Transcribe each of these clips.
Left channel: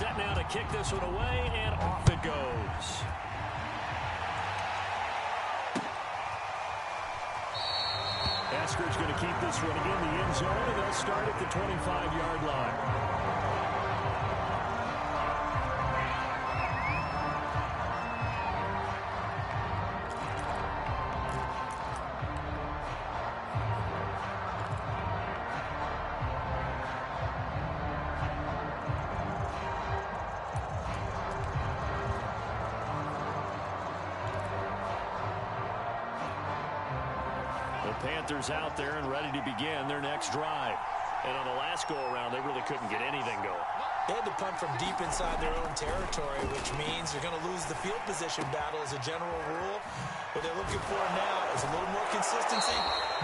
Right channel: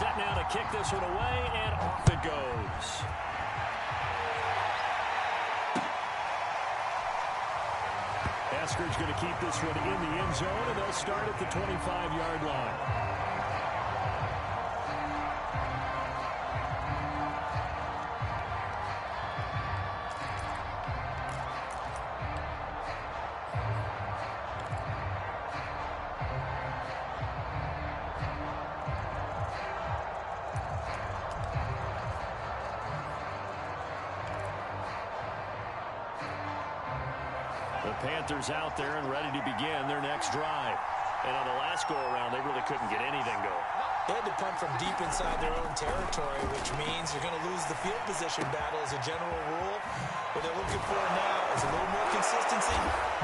set now to kick this one away, and off it goes. Eskridge going to keep this one in the end zone, and they'll start at the 25-yard line. The Panthers out there and ready to begin their next drive. And on the last go-around, they really couldn't get anything going. They had to punt from deep inside their own territory, which means you're going to lose the field position battle as a general rule. What they're looking for now is a little more consistency,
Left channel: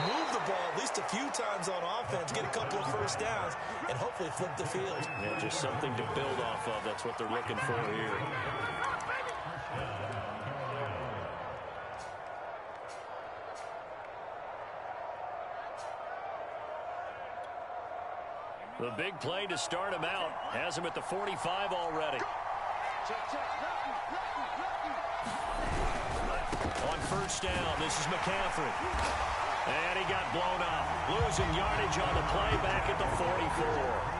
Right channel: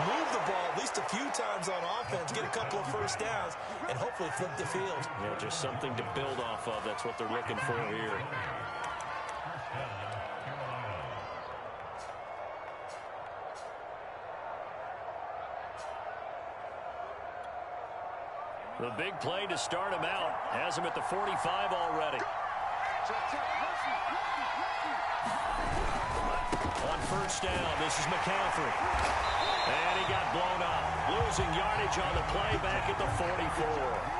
move the ball at least a few times on offense, get a couple of first downs, and hopefully flip the field. Yeah, just something to build off of. That's what they're looking for here. The big play to start him out has him at the 45 already. On first down, this is McCaffrey. And he got blown up. Losing yardage on the play back at the 44.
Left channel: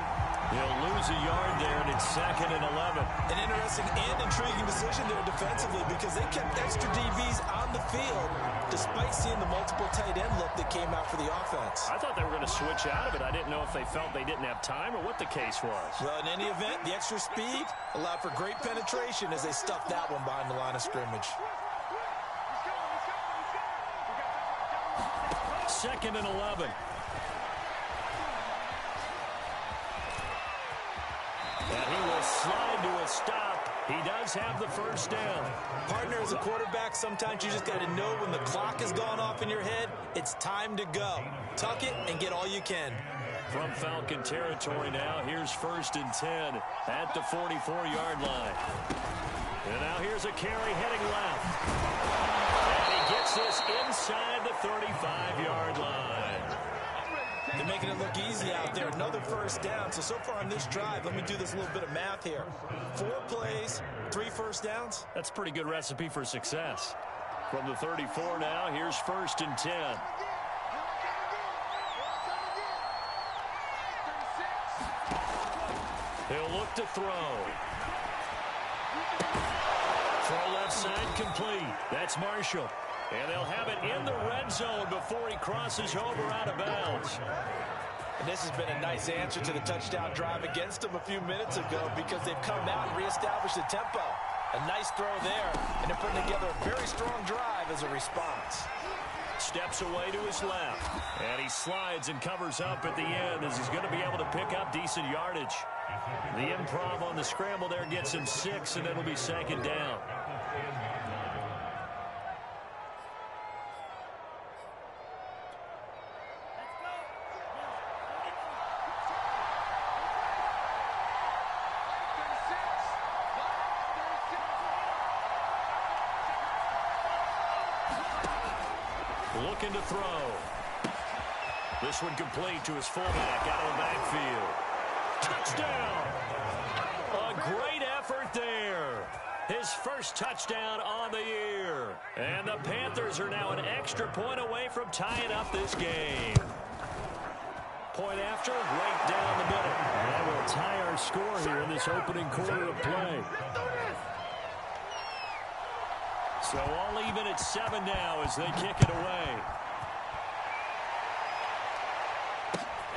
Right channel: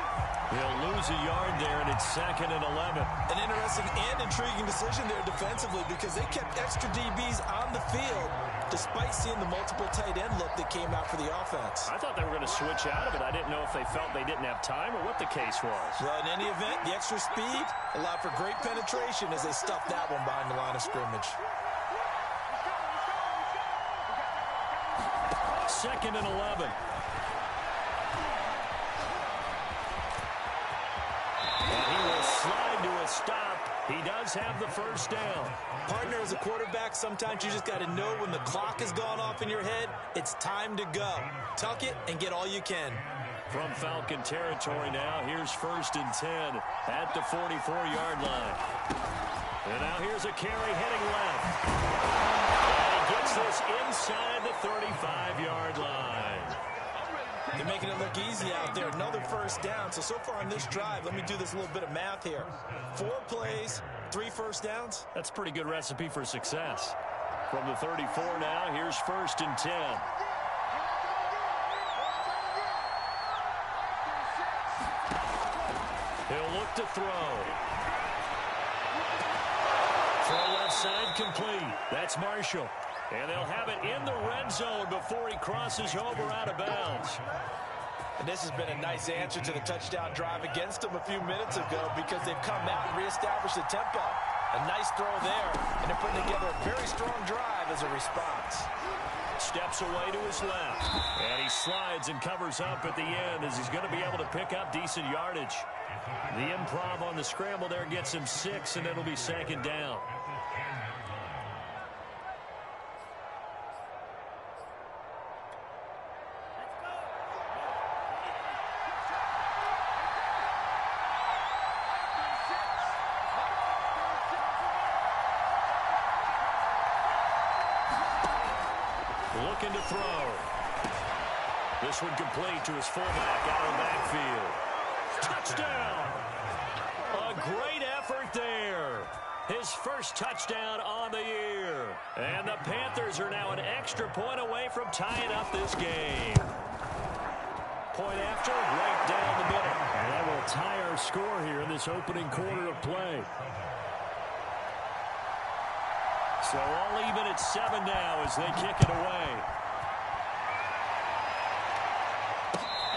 He'll lose a yard there, and it's 2nd and 11. An interesting and intriguing decision there defensively because they kept extra DBs on the field despite seeing the multiple tight end look that came out for the offense. I thought they were going to switch out of it. I didn't know if they felt they didn't have time or what the case was. Well, in any event, the extra speed allowed for great penetration as they stuffed that one behind the line of scrimmage. 2nd and 11. And he will slide to a stop. He does have the first down. Partner, as a quarterback, sometimes you just got to know when the clock has gone off in your head, it's time to go. Tuck it and get all you can. From Falcon territory now, here's 1st and 10 at the 44-yard line. And now here's a carry heading left. And he gets this inside the 35-yard line. They're making it look easy out there. Another first down. So far on this drive, let me do this little bit of math here. 4 plays, 3 first downs. That's a pretty good recipe for success. From the 34 now, here's 1st and 10. He'll look to throw. Throw left side complete. That's Marshall. And they'll have it in the red zone before he crosses over out of bounds. And this has been a nice answer to the touchdown drive against them a few minutes ago because they've come out and reestablished the tempo. A nice throw there, and they're putting together a very strong drive as a response. Steps away to his left, and he slides and covers up at the end as he's going to be able to pick up decent yardage. The improv on the scramble there gets him 6, and it'll be 2nd down. Looking to throw. This one complete to his fullback out of the backfield. Touchdown! A great effort there. His first touchdown on the year. And the Panthers are now an extra point away from tying up this game. Point after, right down the middle. And that will tie our score here in this opening quarter of play. So all even at 7 now as they kick it away.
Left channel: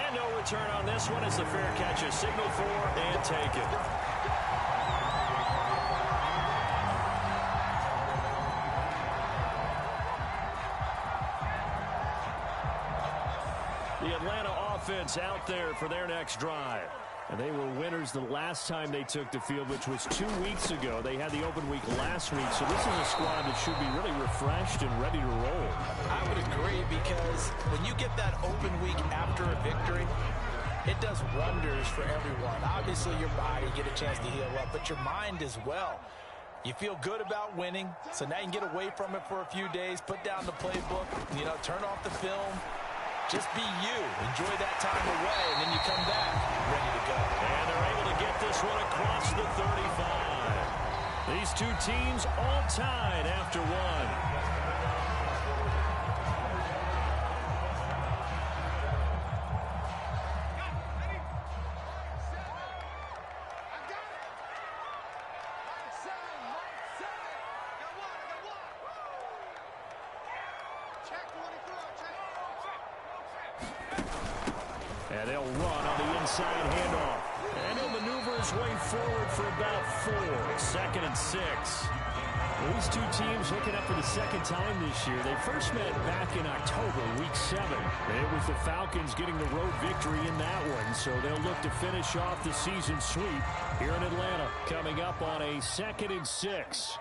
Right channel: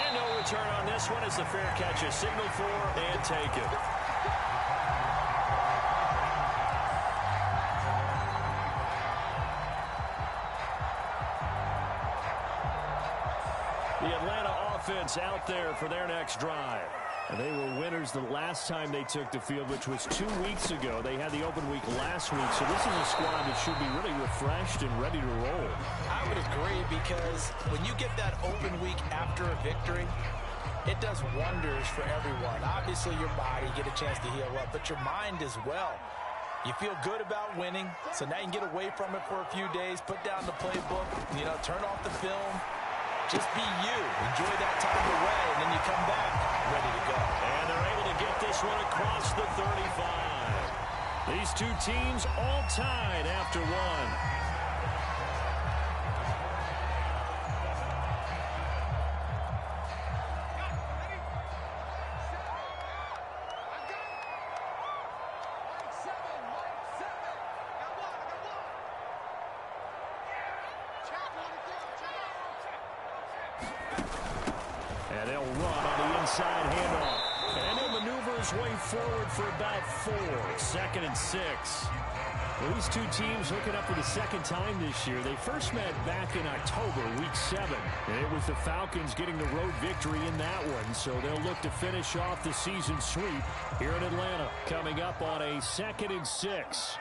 And no return on this one as the fair catch is signaled for and taken. The Atlanta offense out there for their next drive. And they were winners the last time they took the field, which was 2 weeks ago. They had the open week last week, so this is a squad that should be really refreshed and ready to roll. I would agree because when you get that open week after a victory, it does wonders for everyone. Obviously, your body, get a chance to heal up, but your mind as well. You feel good about winning, so now you can get away from it for a few days, put down the playbook, turn off the film, Just be you. Enjoy that time away, and then you come back ready to go. And they're able to get this one across the 35. These two teams all tied after one. And they'll run on the inside handoff. And he'll maneuver his way forward for about 4. 2nd and 6. Well, these two teams hooking up for the second time this year. They first met back in October, week 7. It was the Falcons getting the road victory in that one, so they'll look to finish off the season sweep here in Atlanta. Coming up on a 2nd and 6.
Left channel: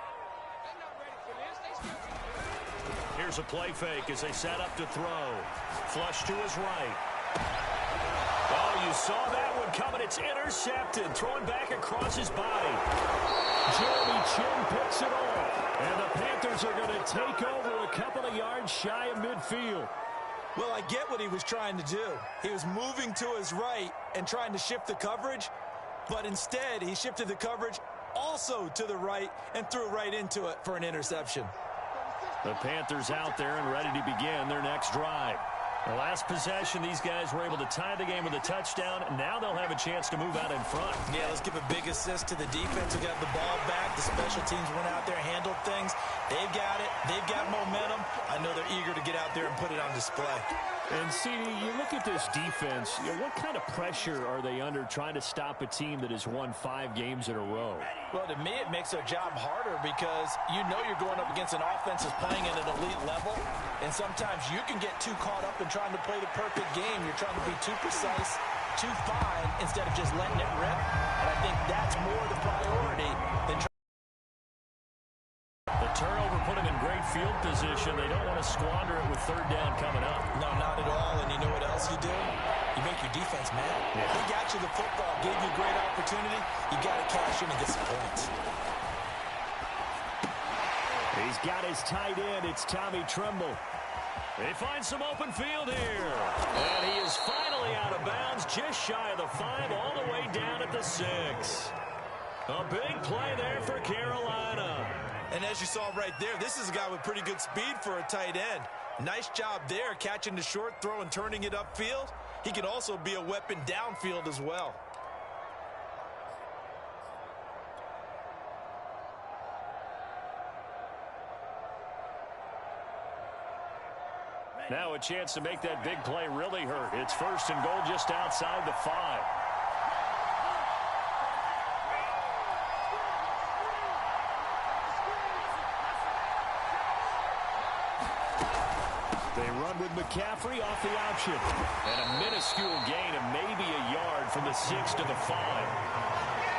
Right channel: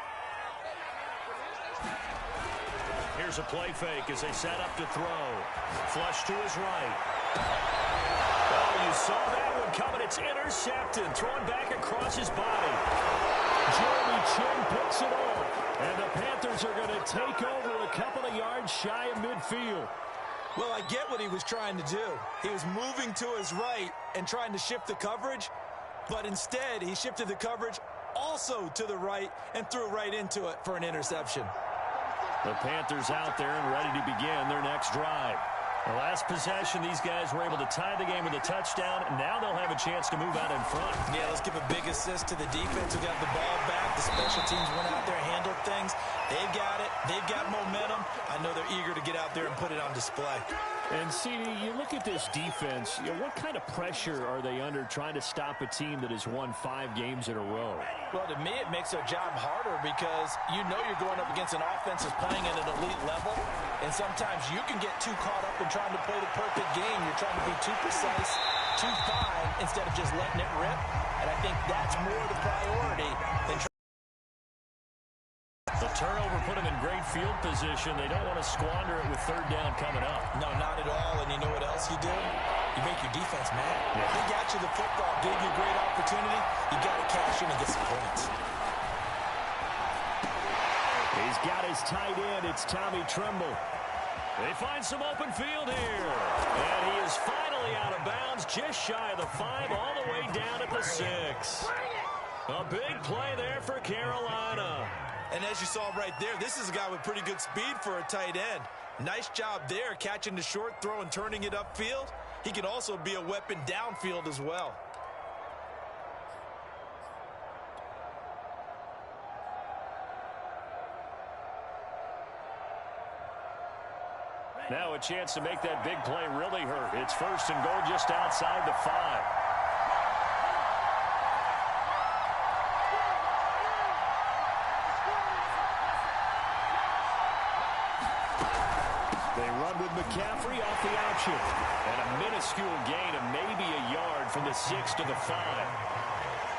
Here's a play fake as they set up to throw. Flush to his right. Oh, you saw that one coming. It's intercepted. Thrown back across his body. Jeremy Chinn picks it off. And the Panthers are going to take over a couple of yards shy of midfield. Well, I get what he was trying to do. He was moving to his right and trying to shift the coverage. But instead, he shifted the coverage also to the right and threw right into it for an interception. The Panthers out there and ready to begin their next drive. The last possession, these guys were able to tie the game with a touchdown, and now they'll have a chance to move out in front. Yeah, let's give a big assist to the defense who got the ball back. The special teams went out there, handled things. They've got it. They've got momentum. I know they're eager to get out there and put it on display. And, CD, you look at this defense, what kind of pressure are they under trying to stop a team that has won 5 games in a row? Well, to me, it makes their job harder because you know you're going up against an offense that's playing at an elite level, and sometimes you can get too caught up in trying to play the perfect game. You're trying to be too precise, too fine, instead of just letting it rip, and I think that's more the priority than trying. The turnover put them in great field position. They don't want to squander it with 3rd down coming up. No, not at all. And you know what else you do? You make your defense mad. Yeah. They got you the football, gave you a great opportunity. You got to cash in and get some points. He's got his tight end. It's Tommy Tremble. They find some open field here. And he is finally out of bounds, just shy of the 5, all the way down at the 6. A big play there for Carolina. And as you saw right there, this is a guy with pretty good speed for a tight end. Nice job there, catching the short throw and turning it upfield. He can also be a weapon downfield as well. Now a chance to make that big play really hurt. It's 1st and goal just outside the 5. They run with McCaffrey off the option. And a minuscule gain of maybe a yard from the 6 to the 5.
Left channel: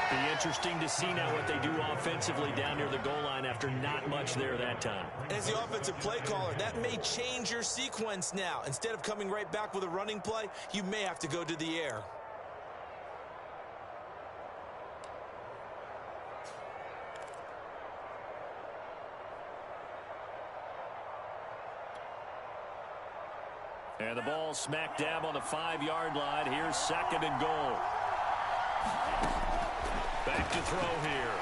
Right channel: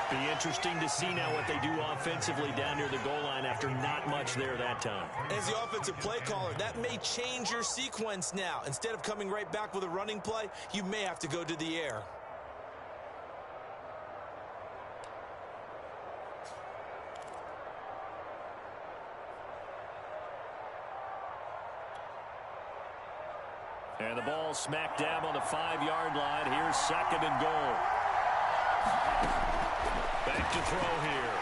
Be interesting to see now what they do offensively down near the goal line after not much there that time. As the offensive play caller, that may change your sequence now. Instead of coming right back with a running play, you may have to go to the air. And the ball smack dab on the 5-yard line. Here's 2nd and goal. Back to throw here.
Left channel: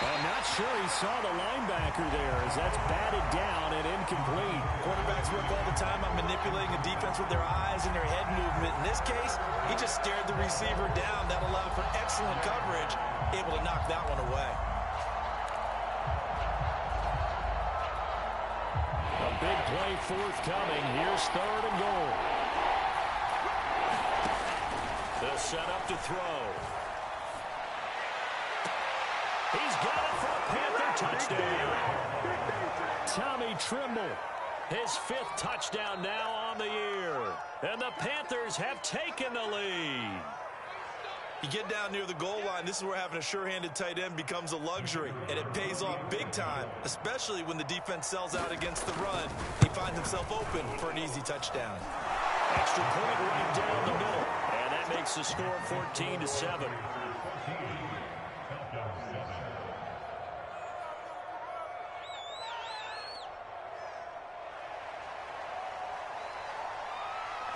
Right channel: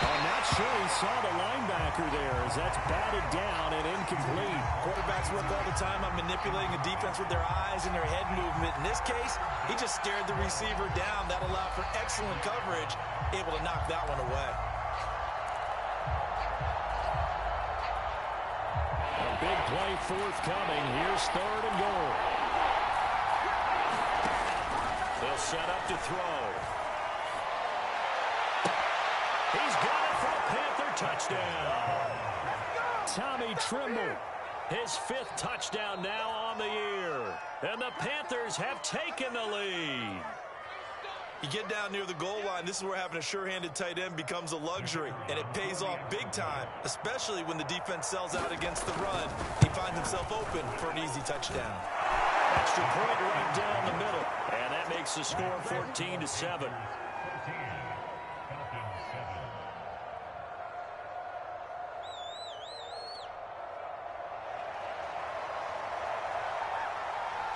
I'm not sure he saw the linebacker there as that's batted down and incomplete. Quarterbacks work all the time on manipulating a defense with their eyes and their head movement. In this case, he just stared the receiver down. That allowed for excellent coverage, able to knock that one away. A big play forthcoming. Here's 3rd and goal. They'll set up to throw. He's got it for a Panther touchdown. Tommy Tremble, his 5th touchdown now on the year. And the Panthers have taken the lead. You get down near the goal line, this is where having a sure-handed tight end becomes a luxury, and it pays off big time, especially when the defense sells out against the run. He finds himself open for an easy touchdown. Extra point right down the middle, and that makes the score 14-7.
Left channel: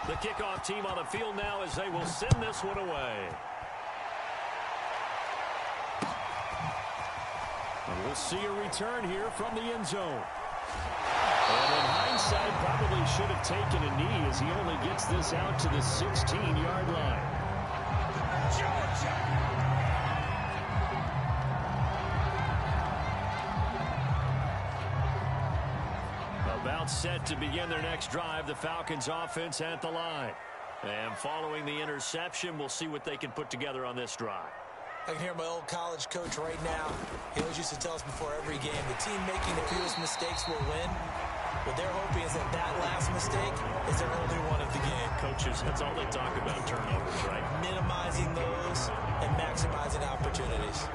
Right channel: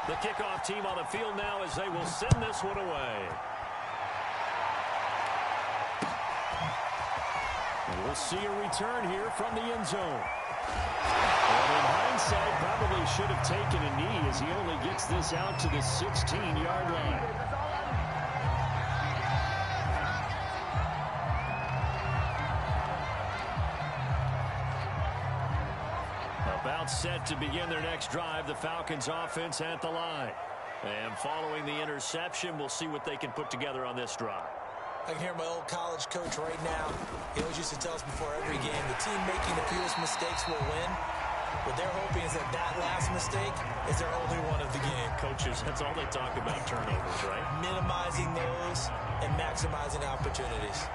The kickoff team on the field now as they will send this one away. And we'll see a return here from the end zone. And in hindsight, probably should have taken a knee as he only gets this out to the 16-yard line. About set to begin their next drive, the Falcons offense at the line. And following the interception, we'll see what they can put together on this drive. I can hear my old college coach right now. He always used to tell us before every game, the team making the fewest mistakes will win. What they're hoping is that that last mistake is their only one of the game. Coaches, that's all they talk about, turnovers, right? Minimizing those and maximizing opportunities.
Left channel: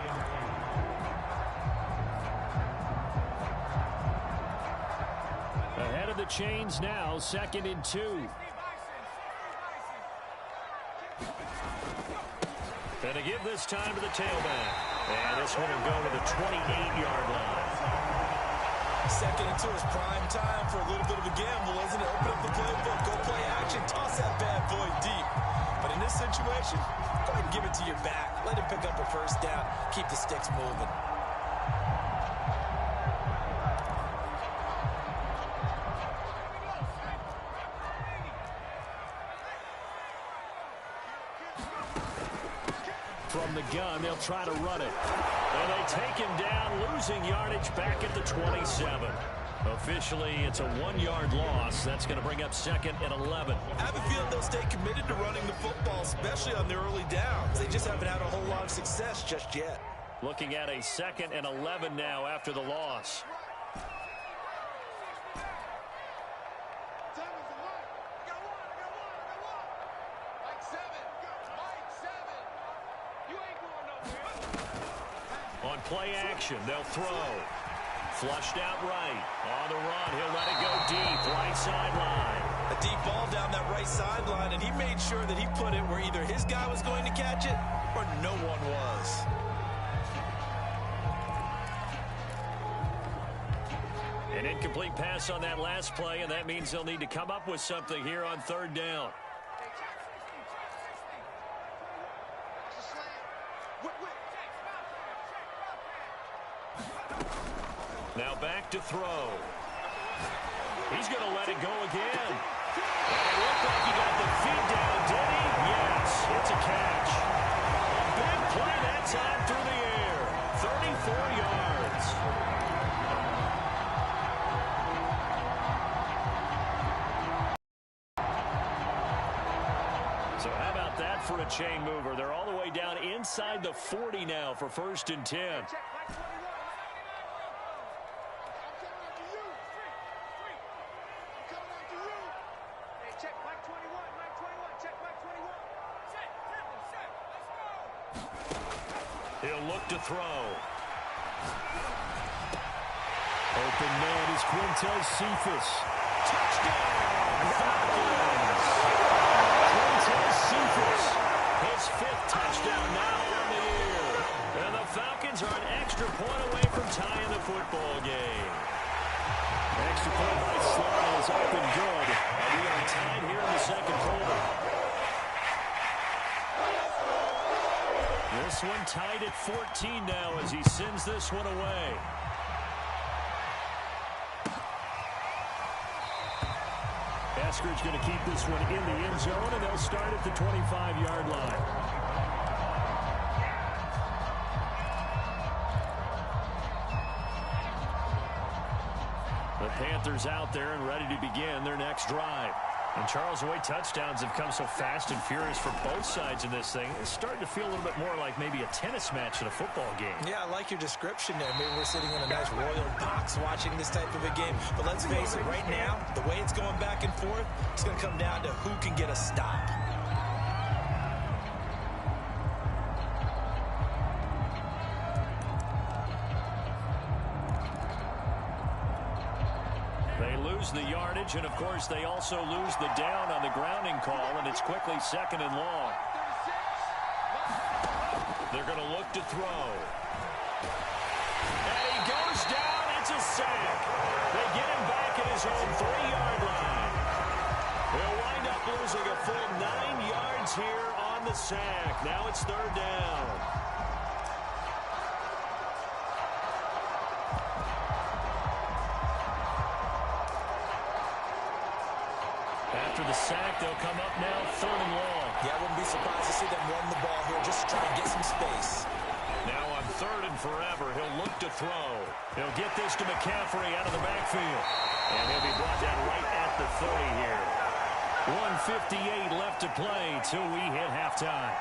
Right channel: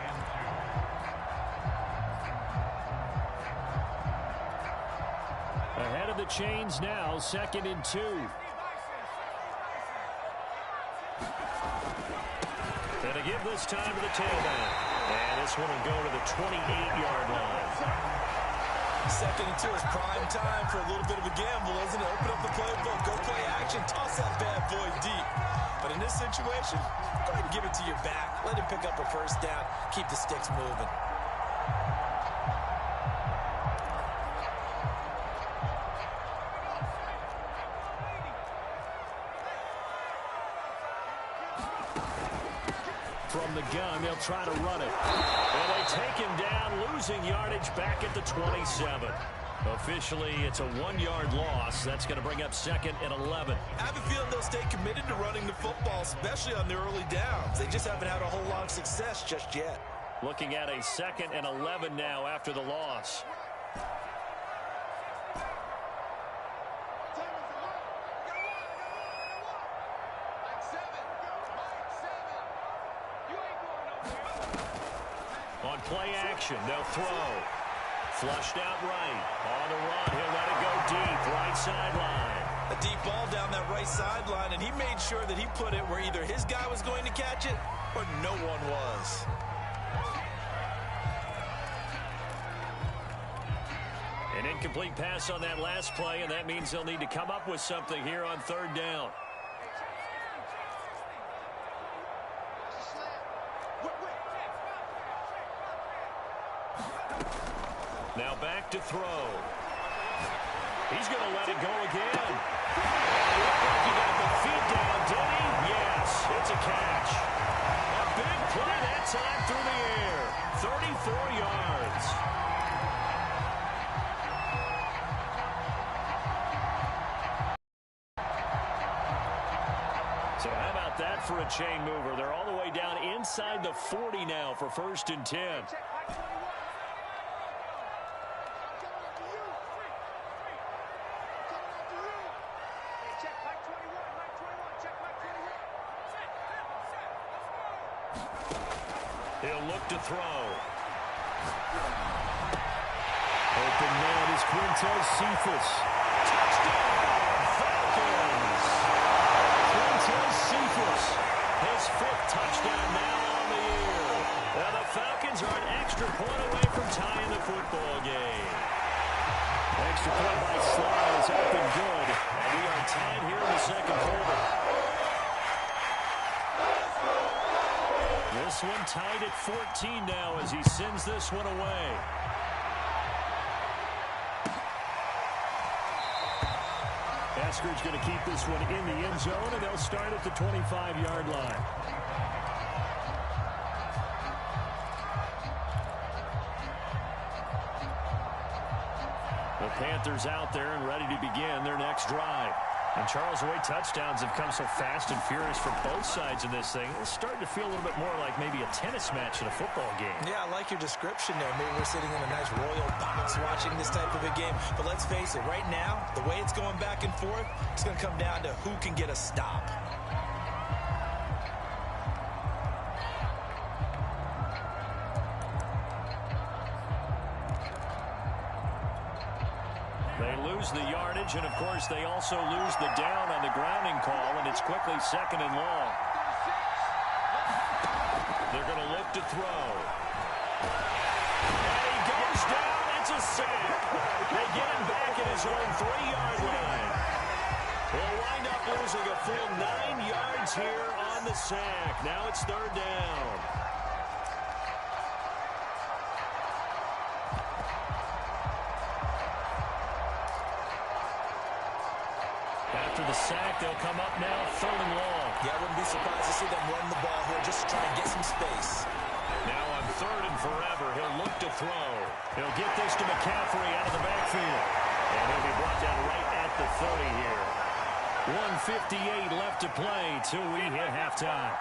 Ahead of the chains now, 2nd and 2. And to give this time to the tailback. And this one will go to the 28-yard line. 2nd and 2 is prime time for a little bit of a gamble, isn't it? Open up the playbook, go play action, toss that bad boy deep. But in this situation, go ahead and give it to your back. Let him pick up a first down. Keep the sticks moving. From the gun, they'll try to run it. And they take him down, losing yardage back at the 27. Officially, it's a 1-yard loss. That's going to bring up 2nd and 11. I have a feeling they'll stay committed to running the football, especially on the early downs. They just haven't had a whole lot of success just yet. Looking at a 2nd and 11 now after the loss. On play action, they'll throw. Flushed out right. On the run, he'll let it go deep. Right sideline. A deep ball down that right sideline, and he made sure that he put it where either his guy was going to catch it or no one was. An incomplete pass on that last play, and that means they'll need to come up with something here on 3rd down. Now back to throw. He's going to let it go again. And it looked like he got the feet down, did he? Yes, it's a catch. A big play that time through the air. 34 yards. So how about that for a chain mover? They're all the way down inside the 40 now for 1st and 10. He'll look to throw. Open man is Quintez Cephus. Touchdown, Falcons! Quintez Cephus, his 5th touchdown now on the year. And the Falcons are an extra point away from tying the football game. Extra point by Slye is up and good. And we are tied here in the 2nd quarter. This one tied at 14 now as he sends this one away. Eskridge going to keep this one in the end zone, and they'll start at the 25-yard line. The Panthers out there and ready to begin their next drive. And Charles, the way touchdowns have come so fast and furious for both sides in this thing, it's starting to feel a little bit more like maybe a tennis match in a football game. Yeah, I like your description there. Maybe we're sitting in a nice royal box watching this type of a game. But let's face it, right now, the way it's going back and forth, it's going to come down to who can get a stop. They lose the yardage, and of course they also lose the down on the grounding call, and it's quickly 2nd and long. They're going to look to throw. And he goes down. It's a sack. They get him back at his own 3-yard line. He'll wind up losing a full 9 yards here on the sack. Now it's third down. After the sack, they'll come up now, third and long. Yeah, I wouldn't be surprised to see them run the ball here just to try and get some space. Now on third and forever, he'll look to throw. He'll get this to McCaffrey out of the backfield. And he'll be brought down right at the 30 here. 1:58 left to play till we hit halftime.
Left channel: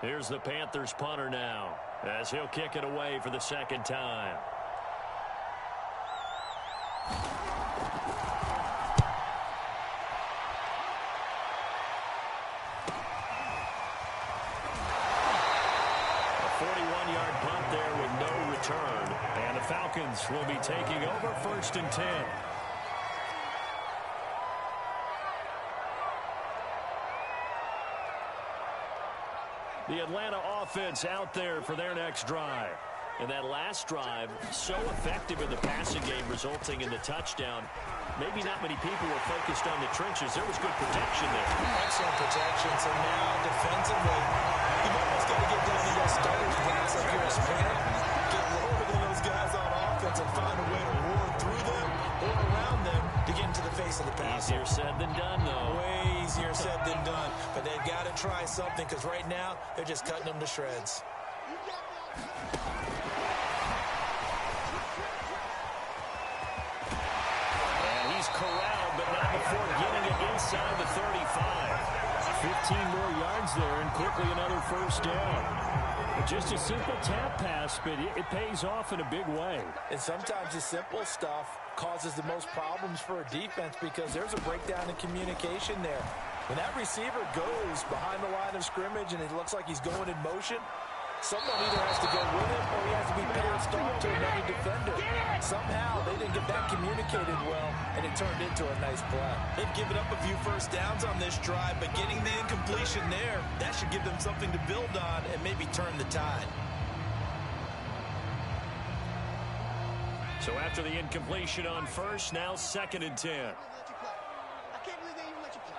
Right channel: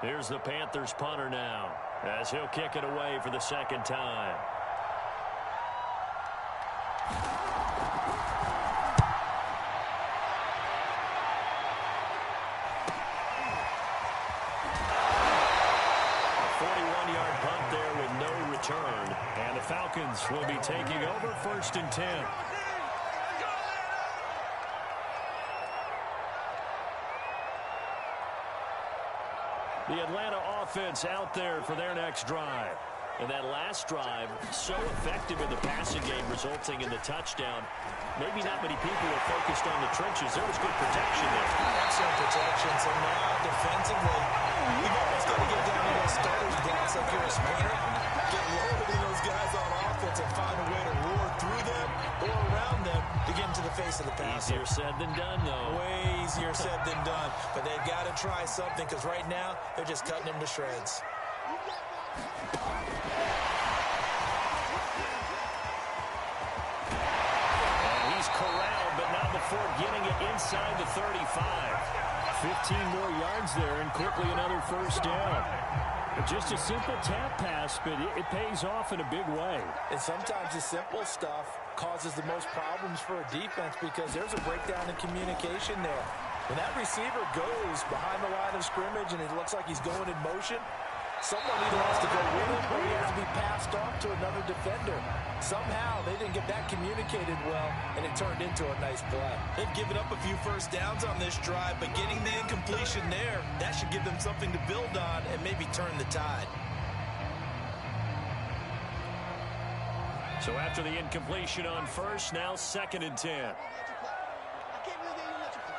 Here's the Panthers punter now, as he'll kick it away for the second time. A 41-yard punt there with no return. And the Falcons will be taking over first and 10. The Atlanta offense out there for their next drive. And that last drive, so effective in the passing game, resulting in the touchdown. Maybe not many people were focused on the trenches. There was good protection there. Excellent protection. So now, defensively, you've almost got to get down to those starters' blocks like you're a sprinter. Get lower than those guys on offense and find a way to roar through them or around them to get into the face of the passer. Easier said than done, though. Way easier said than done. But they've got to try something because right now, they're just cutting them to shreds. Corralled, but not before getting it inside the 35. 15 more yards there, and quickly another first down. Just a simple tap pass, but it pays off in a big way. And sometimes the simple stuff causes the most problems for a defense because there's a breakdown in communication there. When that receiver goes behind the line of scrimmage and it looks like he's going in motion, someone either has to go with him or he has to be passed off to another defender. Somehow they didn't get that communicated well, and it turned into a nice play. They've given up a few first downs on this drive, but getting the incompletion there, that should give them something to build on and maybe turn the tide. So after the incompletion on first, now second and 10. I can't believe they even let you play.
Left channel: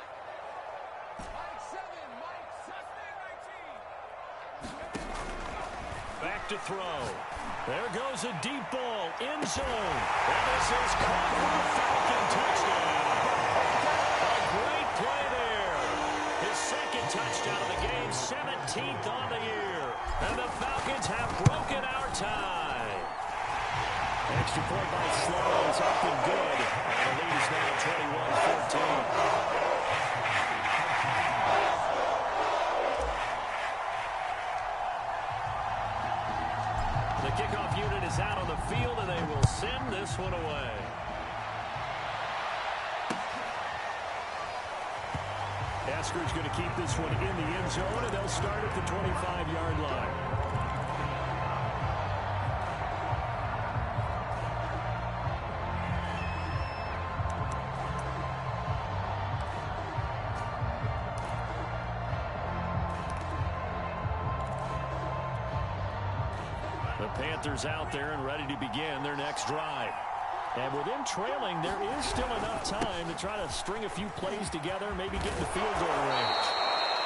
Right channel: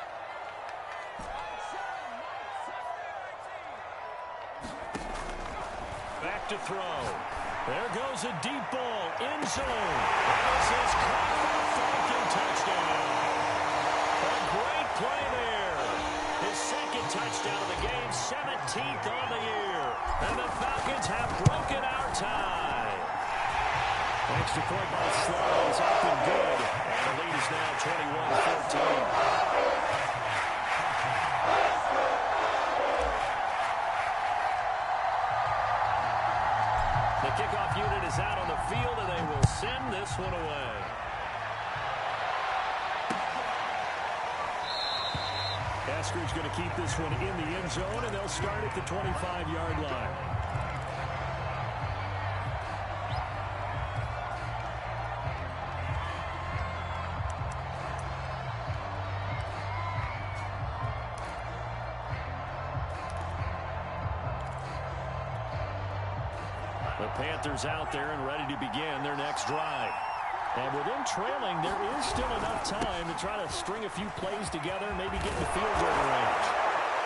Back to throw. There goes a deep ball, end zone. And this is caught for a Falcon touchdown. A great play there. His second touchdown of the game, 17th on the year. And the Falcons have broken our tie. Extra point by Slow is up and good. And the lead is now 21-14. The kickoff unit is out on the field, and they will send this one away. Esker's going to keep this one in the end zone, and they'll start at the 25-yard line. The Panthers out there and ready to begin their next drive. And with them trailing, there is still enough time to try to string a few plays together, maybe get in the field goal range.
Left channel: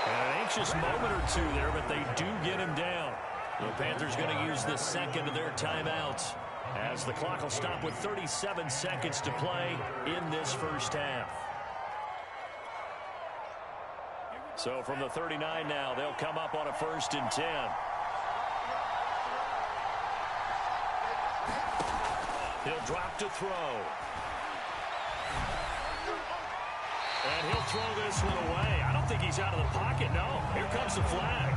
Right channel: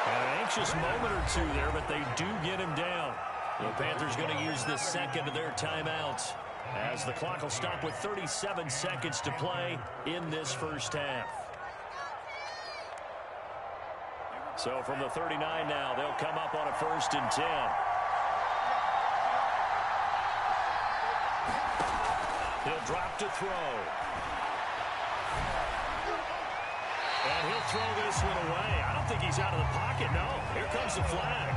And an anxious moment or two there, but they do get him down. The Panthers going to use the second of their timeouts as the clock will stop with 37 seconds to play in this first half. So from the 39 now, they'll come up on a 1st and 10. He'll drop to throw. And he'll throw this one away. I don't think he's out of the pocket, no. Here comes the flag.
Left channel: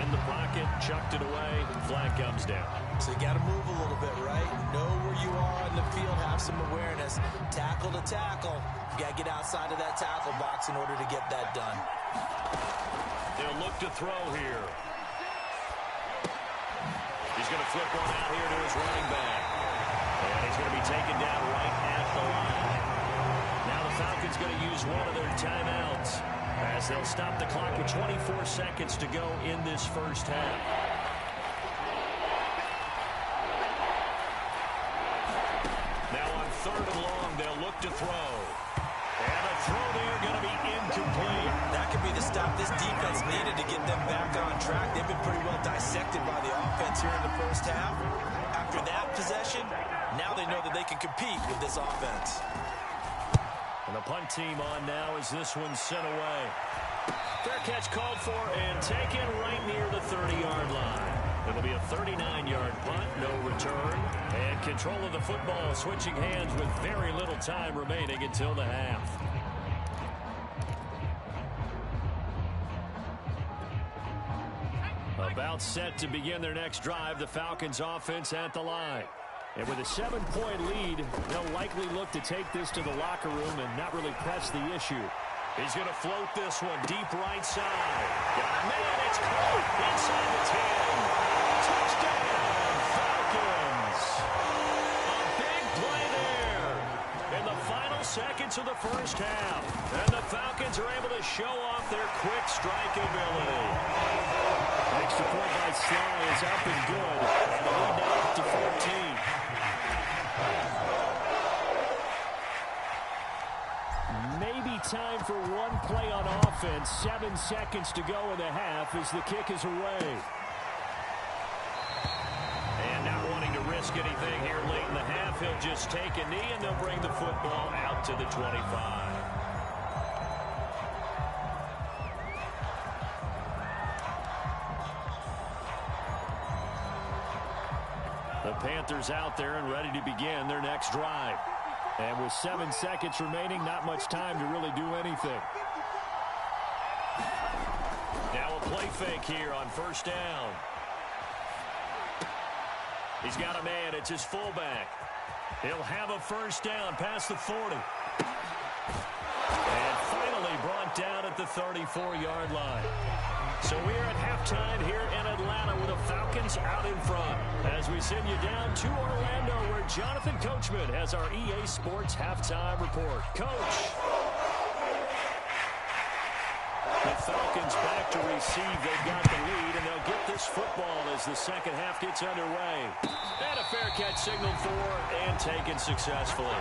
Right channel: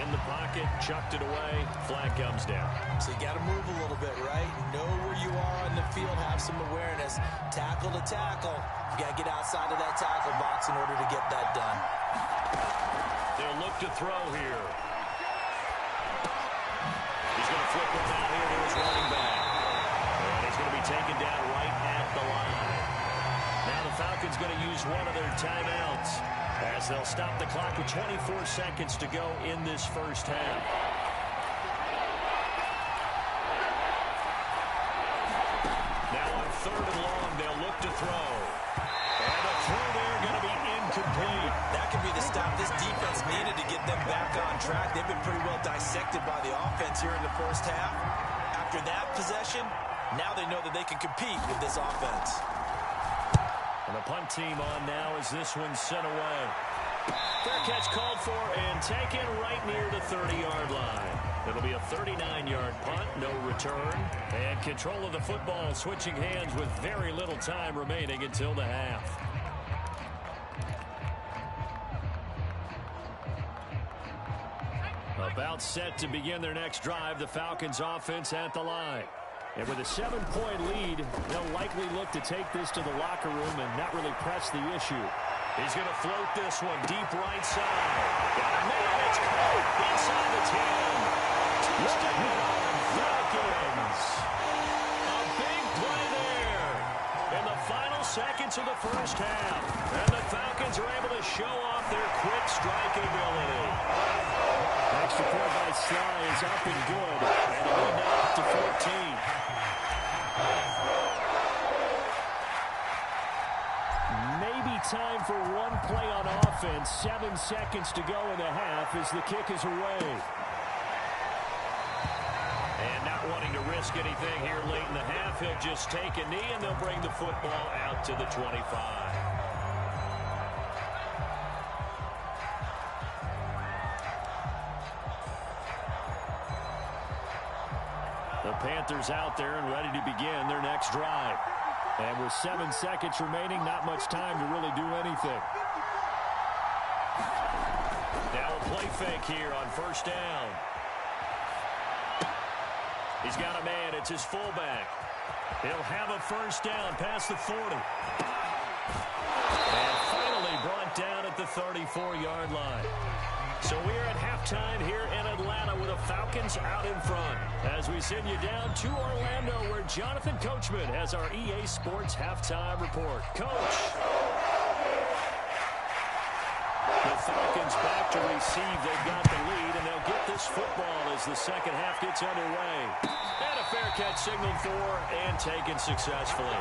In the pocket, chucked it away. Flag comes down. So you got to move a little bit, right? Know where you are on the field, have some awareness. Tackle to tackle. You got to get outside of that tackle box in order to get that done. They'll look to throw here. flip one out here to his running back. And he's going to be taken down right at the line. Now the Falcons going to use one of their timeouts as they'll stop the clock with 24 seconds to go in this first half. Now on 3rd and long, they'll look to throw. And the throw there going to be incomplete. That could be the stop this defense needed to get them back on track. They've been pretty well dissected by the offense here in the first half. After that possession, now they know that they can compete with this offense. And the punt team on now as this one's sent away. Fair catch called for and taken right near the 30-yard line. It'll be a 39-yard punt, no return. And control of the football switching hands with very little time remaining until the half. About set to begin their next drive, the Falcons offense at the line. And with a 7-point lead, they'll likely look to take this to the locker room and not really press the issue. He's going to float this one deep right side. Got a man, it's caught inside the 10. Touchdown, Falcons. A big play there in the final seconds of the first half. And the Falcons are able to show off their quick strike ability. Extra point by Sly is up and good. And the lead now up to 14. Maybe time for one play on offense. 7 seconds to go in the half as the kick is away. And not wanting to risk anything here late in the half, he'll just take a knee and they'll bring the football out to the 25. The Panthers out there and ready to begin their next drive. And with 7 seconds remaining, not much time to really do anything. Now a play fake here on first down. He's got a man. It's his fullback. He'll have a first down past the 40. And finally brought down at the 34-yard line. So we're at halftime here in Atlanta with the Falcons out in front. As we send you down to Orlando where Jonathan Coachman has our EA Sports halftime report. Coach. The Falcons back to receive. They've got the lead, and they'll get this football as the second half gets underway. And a fair catch signaled for and taken successfully.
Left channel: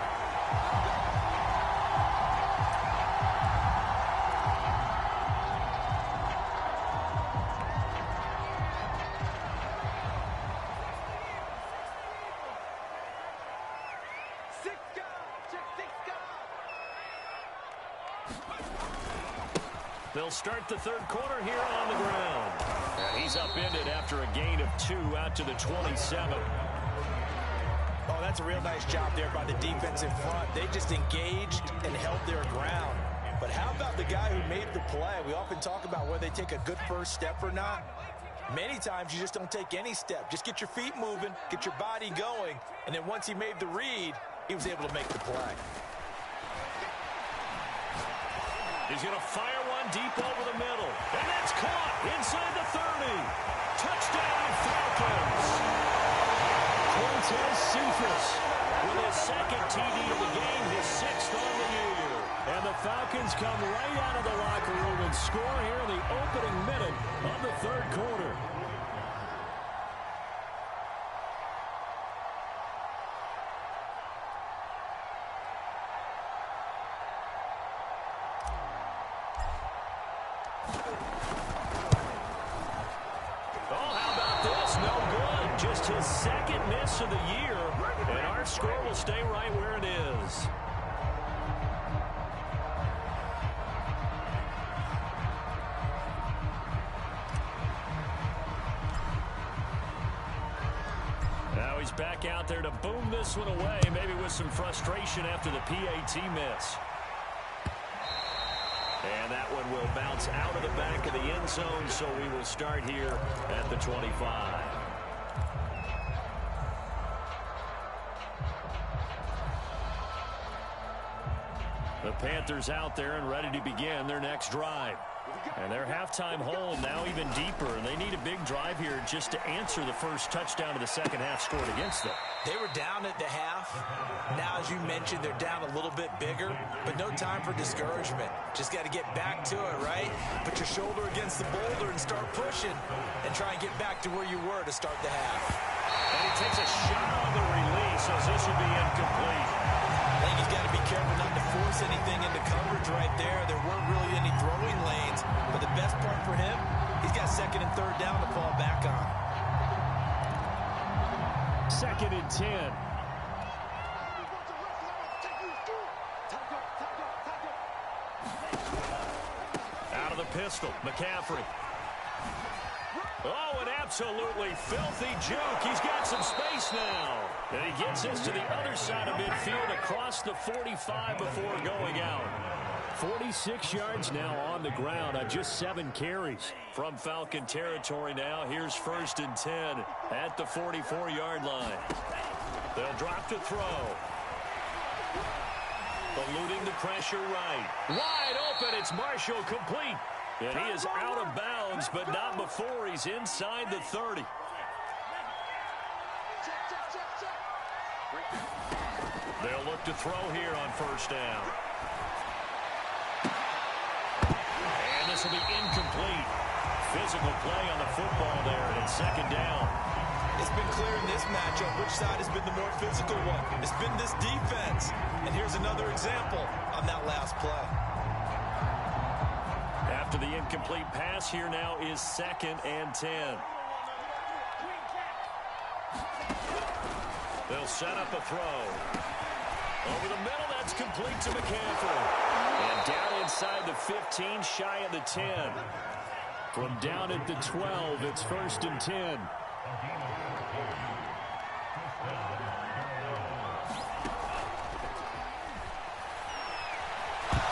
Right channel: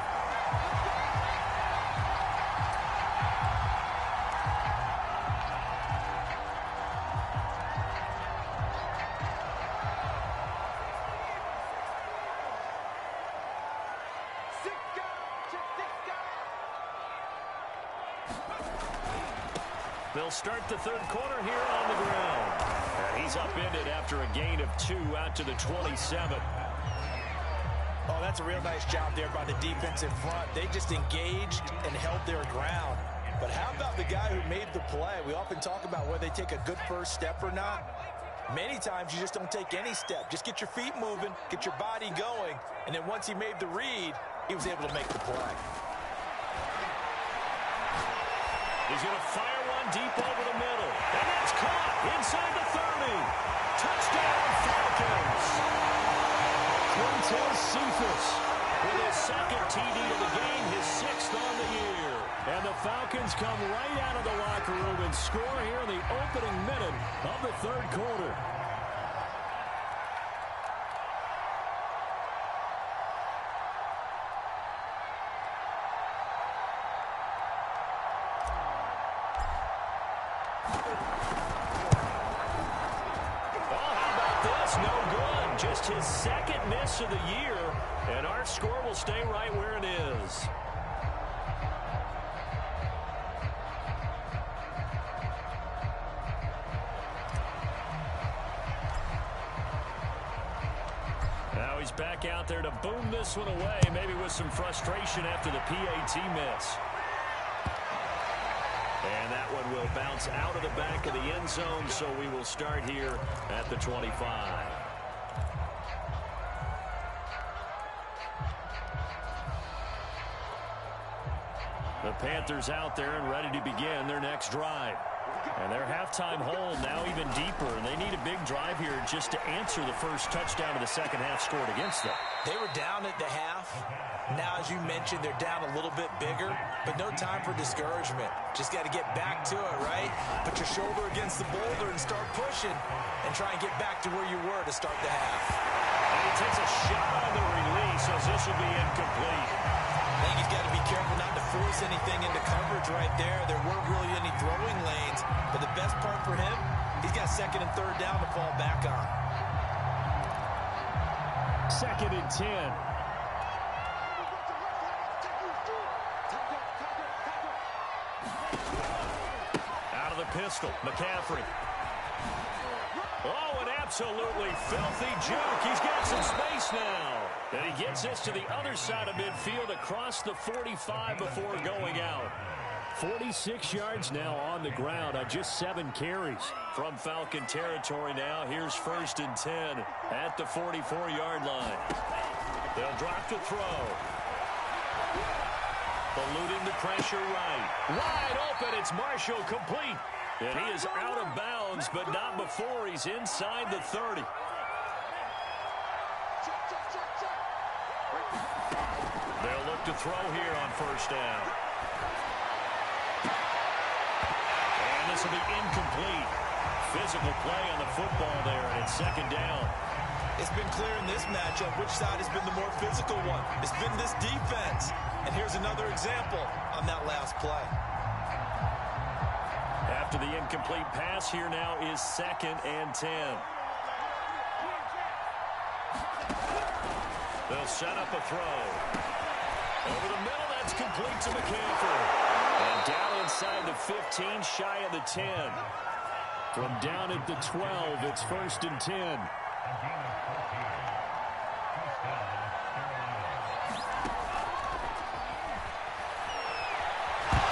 They'll start the third quarter here on the ground. And he's upended after a gain of 2 out to the 27. Oh, that's a real nice job there by the defense in front. They just engaged and held their ground. But how about the guy who made the play? We often talk about whether they take a good first step or not. Many times you just don't take any step. Just get your feet moving, get your body going, and then once he made the read, he was able to make the play. He's going to fire one deep over the middle. And that's caught inside the 30. Touchdown, Falcons. Quintez Cephas with his second TD of the game, his 6th on the year. And the Falcons come right out of the locker room and score here in the opening minute of the third quarter. Just his second miss of the year, and our score will stay right where it is. Now he's back out there to boom this one away, maybe with some frustration after the PAT miss. And that one will bounce out of the back of the end zone, so we will start here at the 25. The Panthers out there and ready to begin their next drive. And their halftime hole now even deeper, and they need a big drive here just to answer the first touchdown of the second half scored against them. They were down at the half. Now, as you mentioned, they're down a little bit bigger, but no time for discouragement. Just got to get back to it, right? Put your shoulder against the boulder and start pushing and try and get back to where you were to start the half. And he takes a shot on the release as this will be incomplete. I think he's got to be careful not to force anything into coverage right there. There weren't really any throwing lanes, but the best part for him, he's got second and third down to fall back on. 2nd and 10. Out of the pistol, McCaffrey. Oh, an absolutely filthy juke. He's got some space now. And he gets this to the other side of midfield across the 45 before going out. 46 yards now on the ground on just 7 carries. From Falcon territory now, here's 1st and 10 at the 44-yard line. They'll drop to throw. Eluding the pressure right. Wide open, it's Marshall complete. And he is out of bounds, but not before he's inside the 30. They'll look to throw here on 1st down. And this will be incomplete. Physical play on the football there, and it's 2nd down. It's been clear in this matchup which side has been the more physical one. It's been this defense. And here's another example on that last play. After the incomplete pass, here now is 2nd and 10. They'll set up a throw. Over the middle, that's complete to McCaffrey. And down inside the 15, shy of the 10. From down at the 12, it's 1st and 10.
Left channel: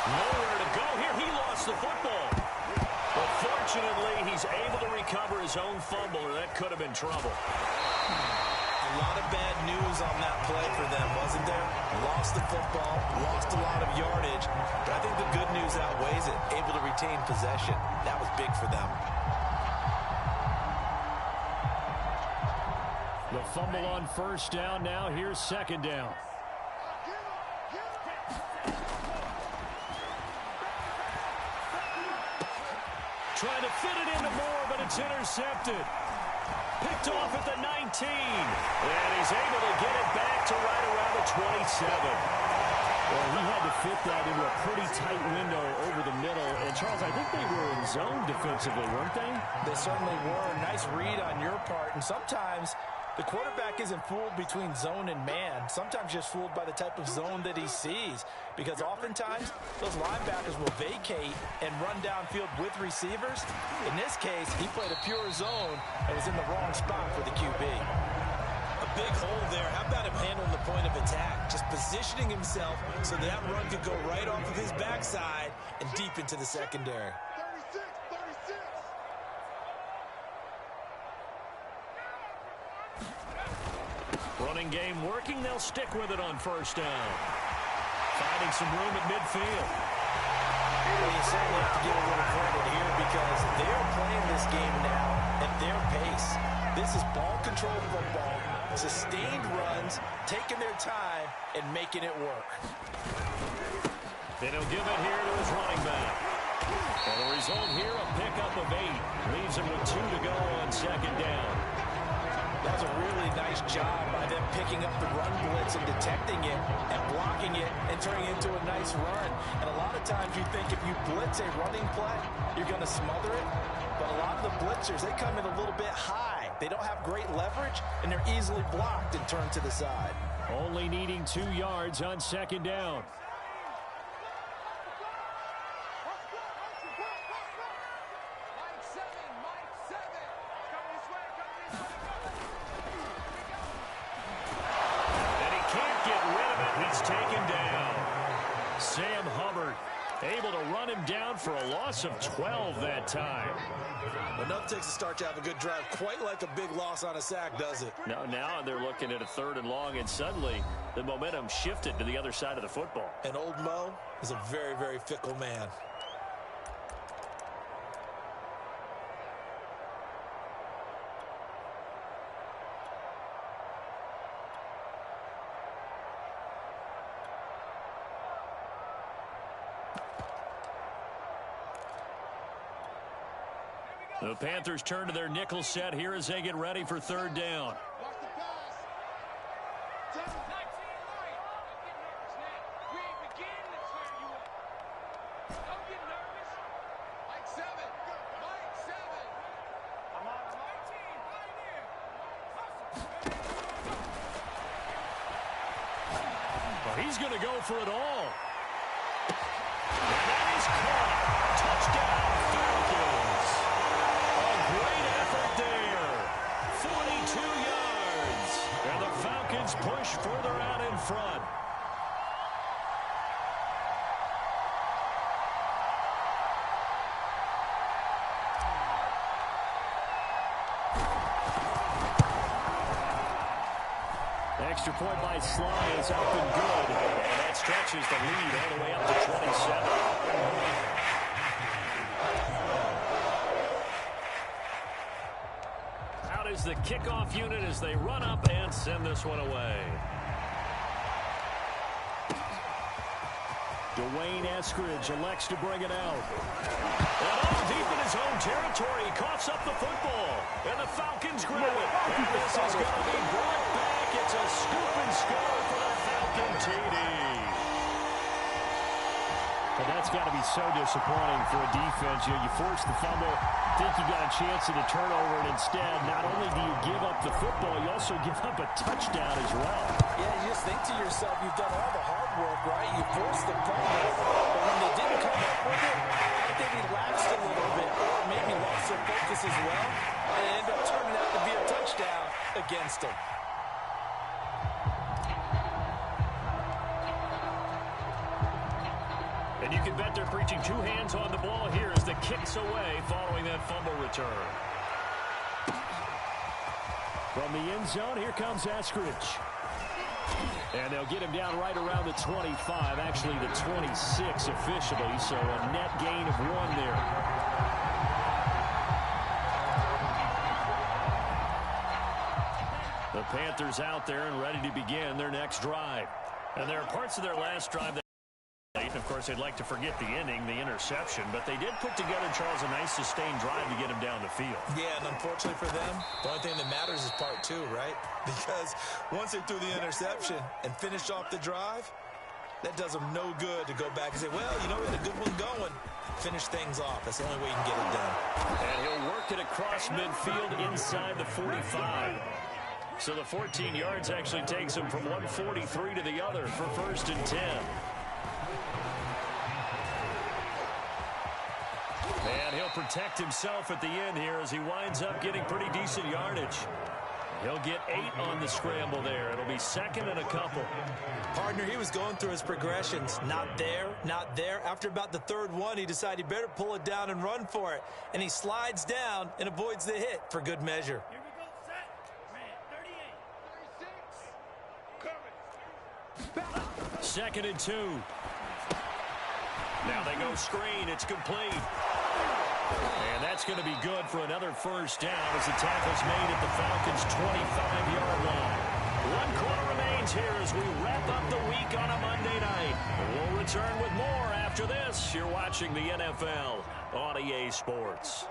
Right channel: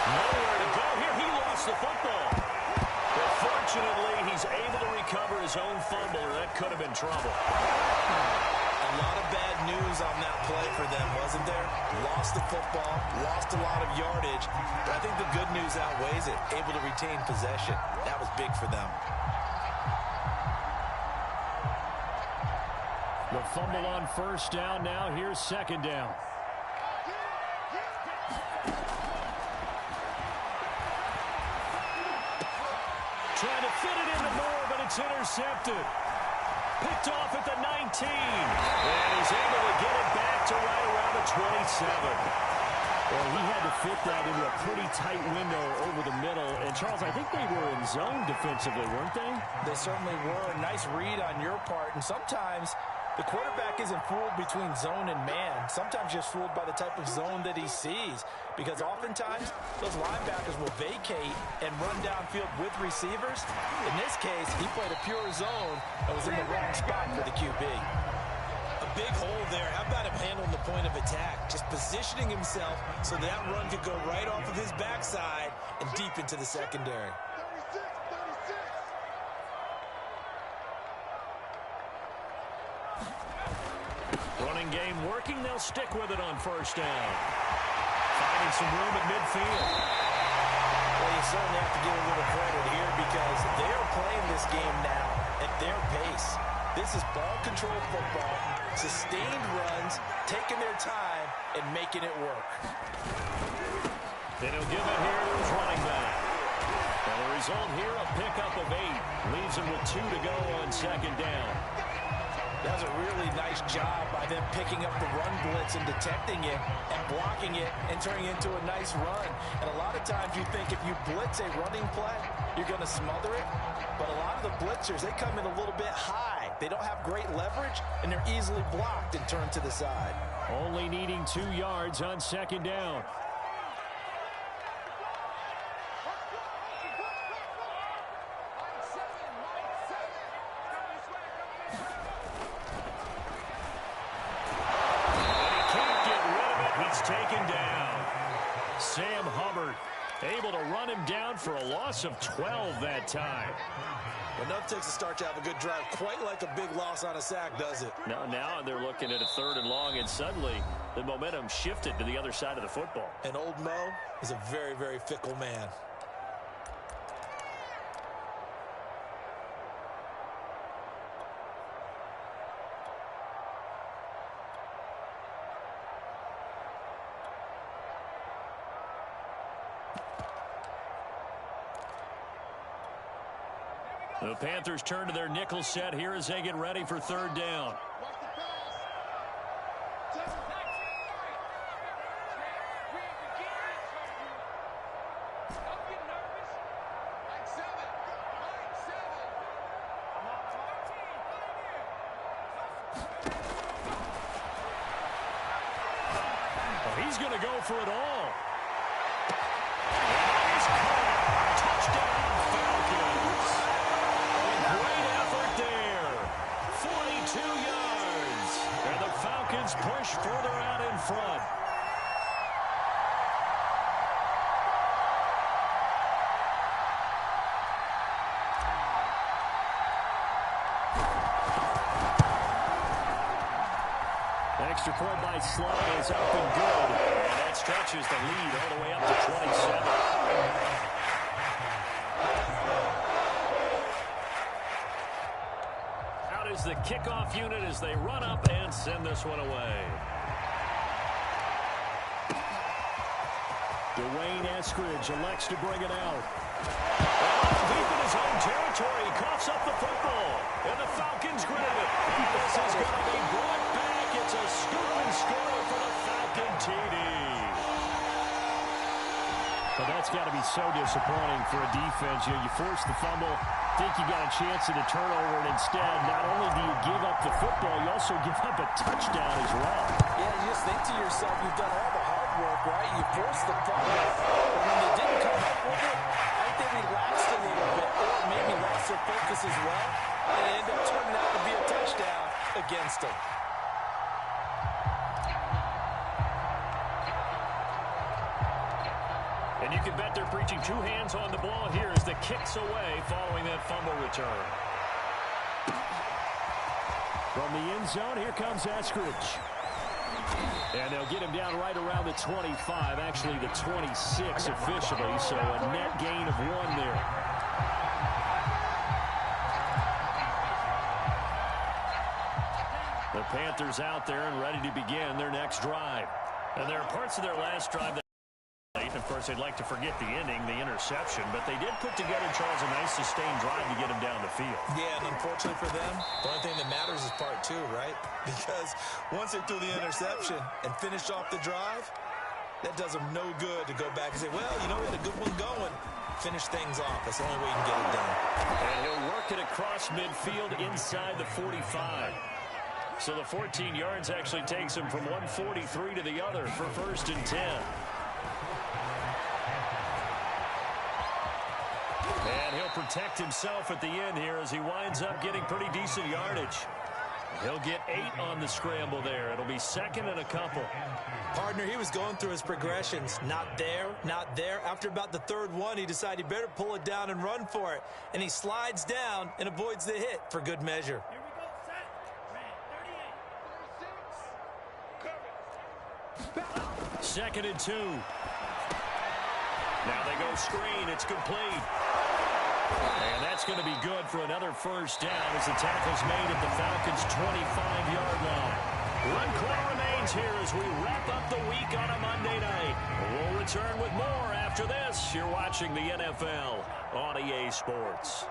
Nowhere to go here. He lost the football. But fortunately, he's able to recover his own fumble, or that could have been trouble. A lot of bad news on that play for them, wasn't there? Lost the football, lost a lot of yardage, but I think the good news outweighs it. Able to retain possession. That was big for them. The fumble on 1st down. Now here's 2nd down. Trying to fit it into Moore, but it's intercepted. Picked off at the 19. And he's able to get it back to right around the 27. Well, he had to fit that into a pretty tight window over the middle. And, Charles, I think they were in zone defensively, weren't they? They certainly were. Nice read on your part. And sometimes the quarterback isn't fooled between zone and man. Sometimes just fooled by the type of zone that he sees. Because oftentimes, those linebackers will vacate and run downfield with receivers. In this case, he played a pure zone and was in the wrong spot for the QB. A big hole there. How about him handling the point of attack? Just positioning himself so that run could go right off of his backside and deep into the secondary. Running game working. They'll stick with it on 1st down. Finding some room at midfield. Well, you certainly have to give a little credit here because they're playing this game now at their pace. This is ball-controlled football, sustained runs, taking their time, and making it work. Then he'll give it here to his running back. And the result here, a pickup of 8. Leaves him with 2 to go on 2nd down. That was a really nice job by them picking up the run blitz and detecting it and blocking it and turning it into a nice run. And a lot of times you think if you blitz a running play, you're going to smother it. But a lot of the blitzers, they come in a little bit high. They don't have great leverage, and they're easily blocked and turned to the side. Only needing 2 yards on 2nd down. Taken down. Sam Hubbard able to run him down for a loss of 12 that time. Enough takes a start to have a good drive. Quite like a big loss on a sack, does it? Now they're looking at a 3rd and long, and suddenly the momentum shifted to the other side of the football. And old Mo is a very, very fickle man. The Panthers turn to their nickel set here as they get ready for third down. Watch the pass. 7. We ain't beginning to turn you up. Don't get nervous. Mike 7. Mike 7. I'm on. 18, right here. Well, he's going to go for it all. And that is caught. Touchdown, Falcons. A great effort there. 42 yards. And the Falcons push further out in front. Extra point by Sly is up and good. And that stretches the lead all the way up to 27. Out is the kickoff unit as they run up and send this one away. Dwayne Eskridge elects to bring it out. And all deep in his own territory, he coughs up the football. And the Falcons grab it. And this is going to be brought back. It's a scoop and score for the Falcon TD. But that's got to be so disappointing for a defense. You know, you force the fumble, think you got a chance at a turnover, and instead, not only do you give up the football, you also give up a touchdown as well. Yeah, you just think to yourself, you've done all the hard work, right? You forced the fumble, but when they didn't come up with it, I think they relaxed a little bit, or maybe lost their focus as well, and it ended up turning out to be a touchdown against them. And you can bet they're preaching two hands on the ball here as the kick's away following that fumble return. From the end zone, here comes Eskridge. And they'll get him down right around the 25, actually the 26 officially, so a net gain of 1 there. The Panthers out there and ready to begin their next drive. And there are parts of their last drive that, of course, they'd like to forget the ending, the interception, but they did put together, Charles, a nice sustained drive to get him down the field. Yeah, and unfortunately for them, the only thing that matters is part 2, right? Because once they threw the interception and finished off the drive, that does them no good to go back and say, well, you know, we had a good one going. Finish things off. That's the only way you can get it done. And he'll work it across midfield inside the 45. So the 14 yards actually takes him from 143 to the other for 1st and 10. And he'll protect himself at the end here as he winds up getting pretty decent yardage. He'll get 8 on the scramble there. It'll be 2nd and a couple. Partner, he was going through his progressions. Not there, not there. After about the 3rd one, he decided he better pull it down and run for it. And he slides down and avoids the hit for good measure. Here we go, set. Ran 38. 36. 2nd and 2. Now they go screen. It's complete. And that's going to be good for another 1st down as the tackle's made at the Falcons' 25-yard line. 1 quarter remains here as we wrap up the week on a Monday night. We'll return with more after this. You're watching the NFL on EA Sports.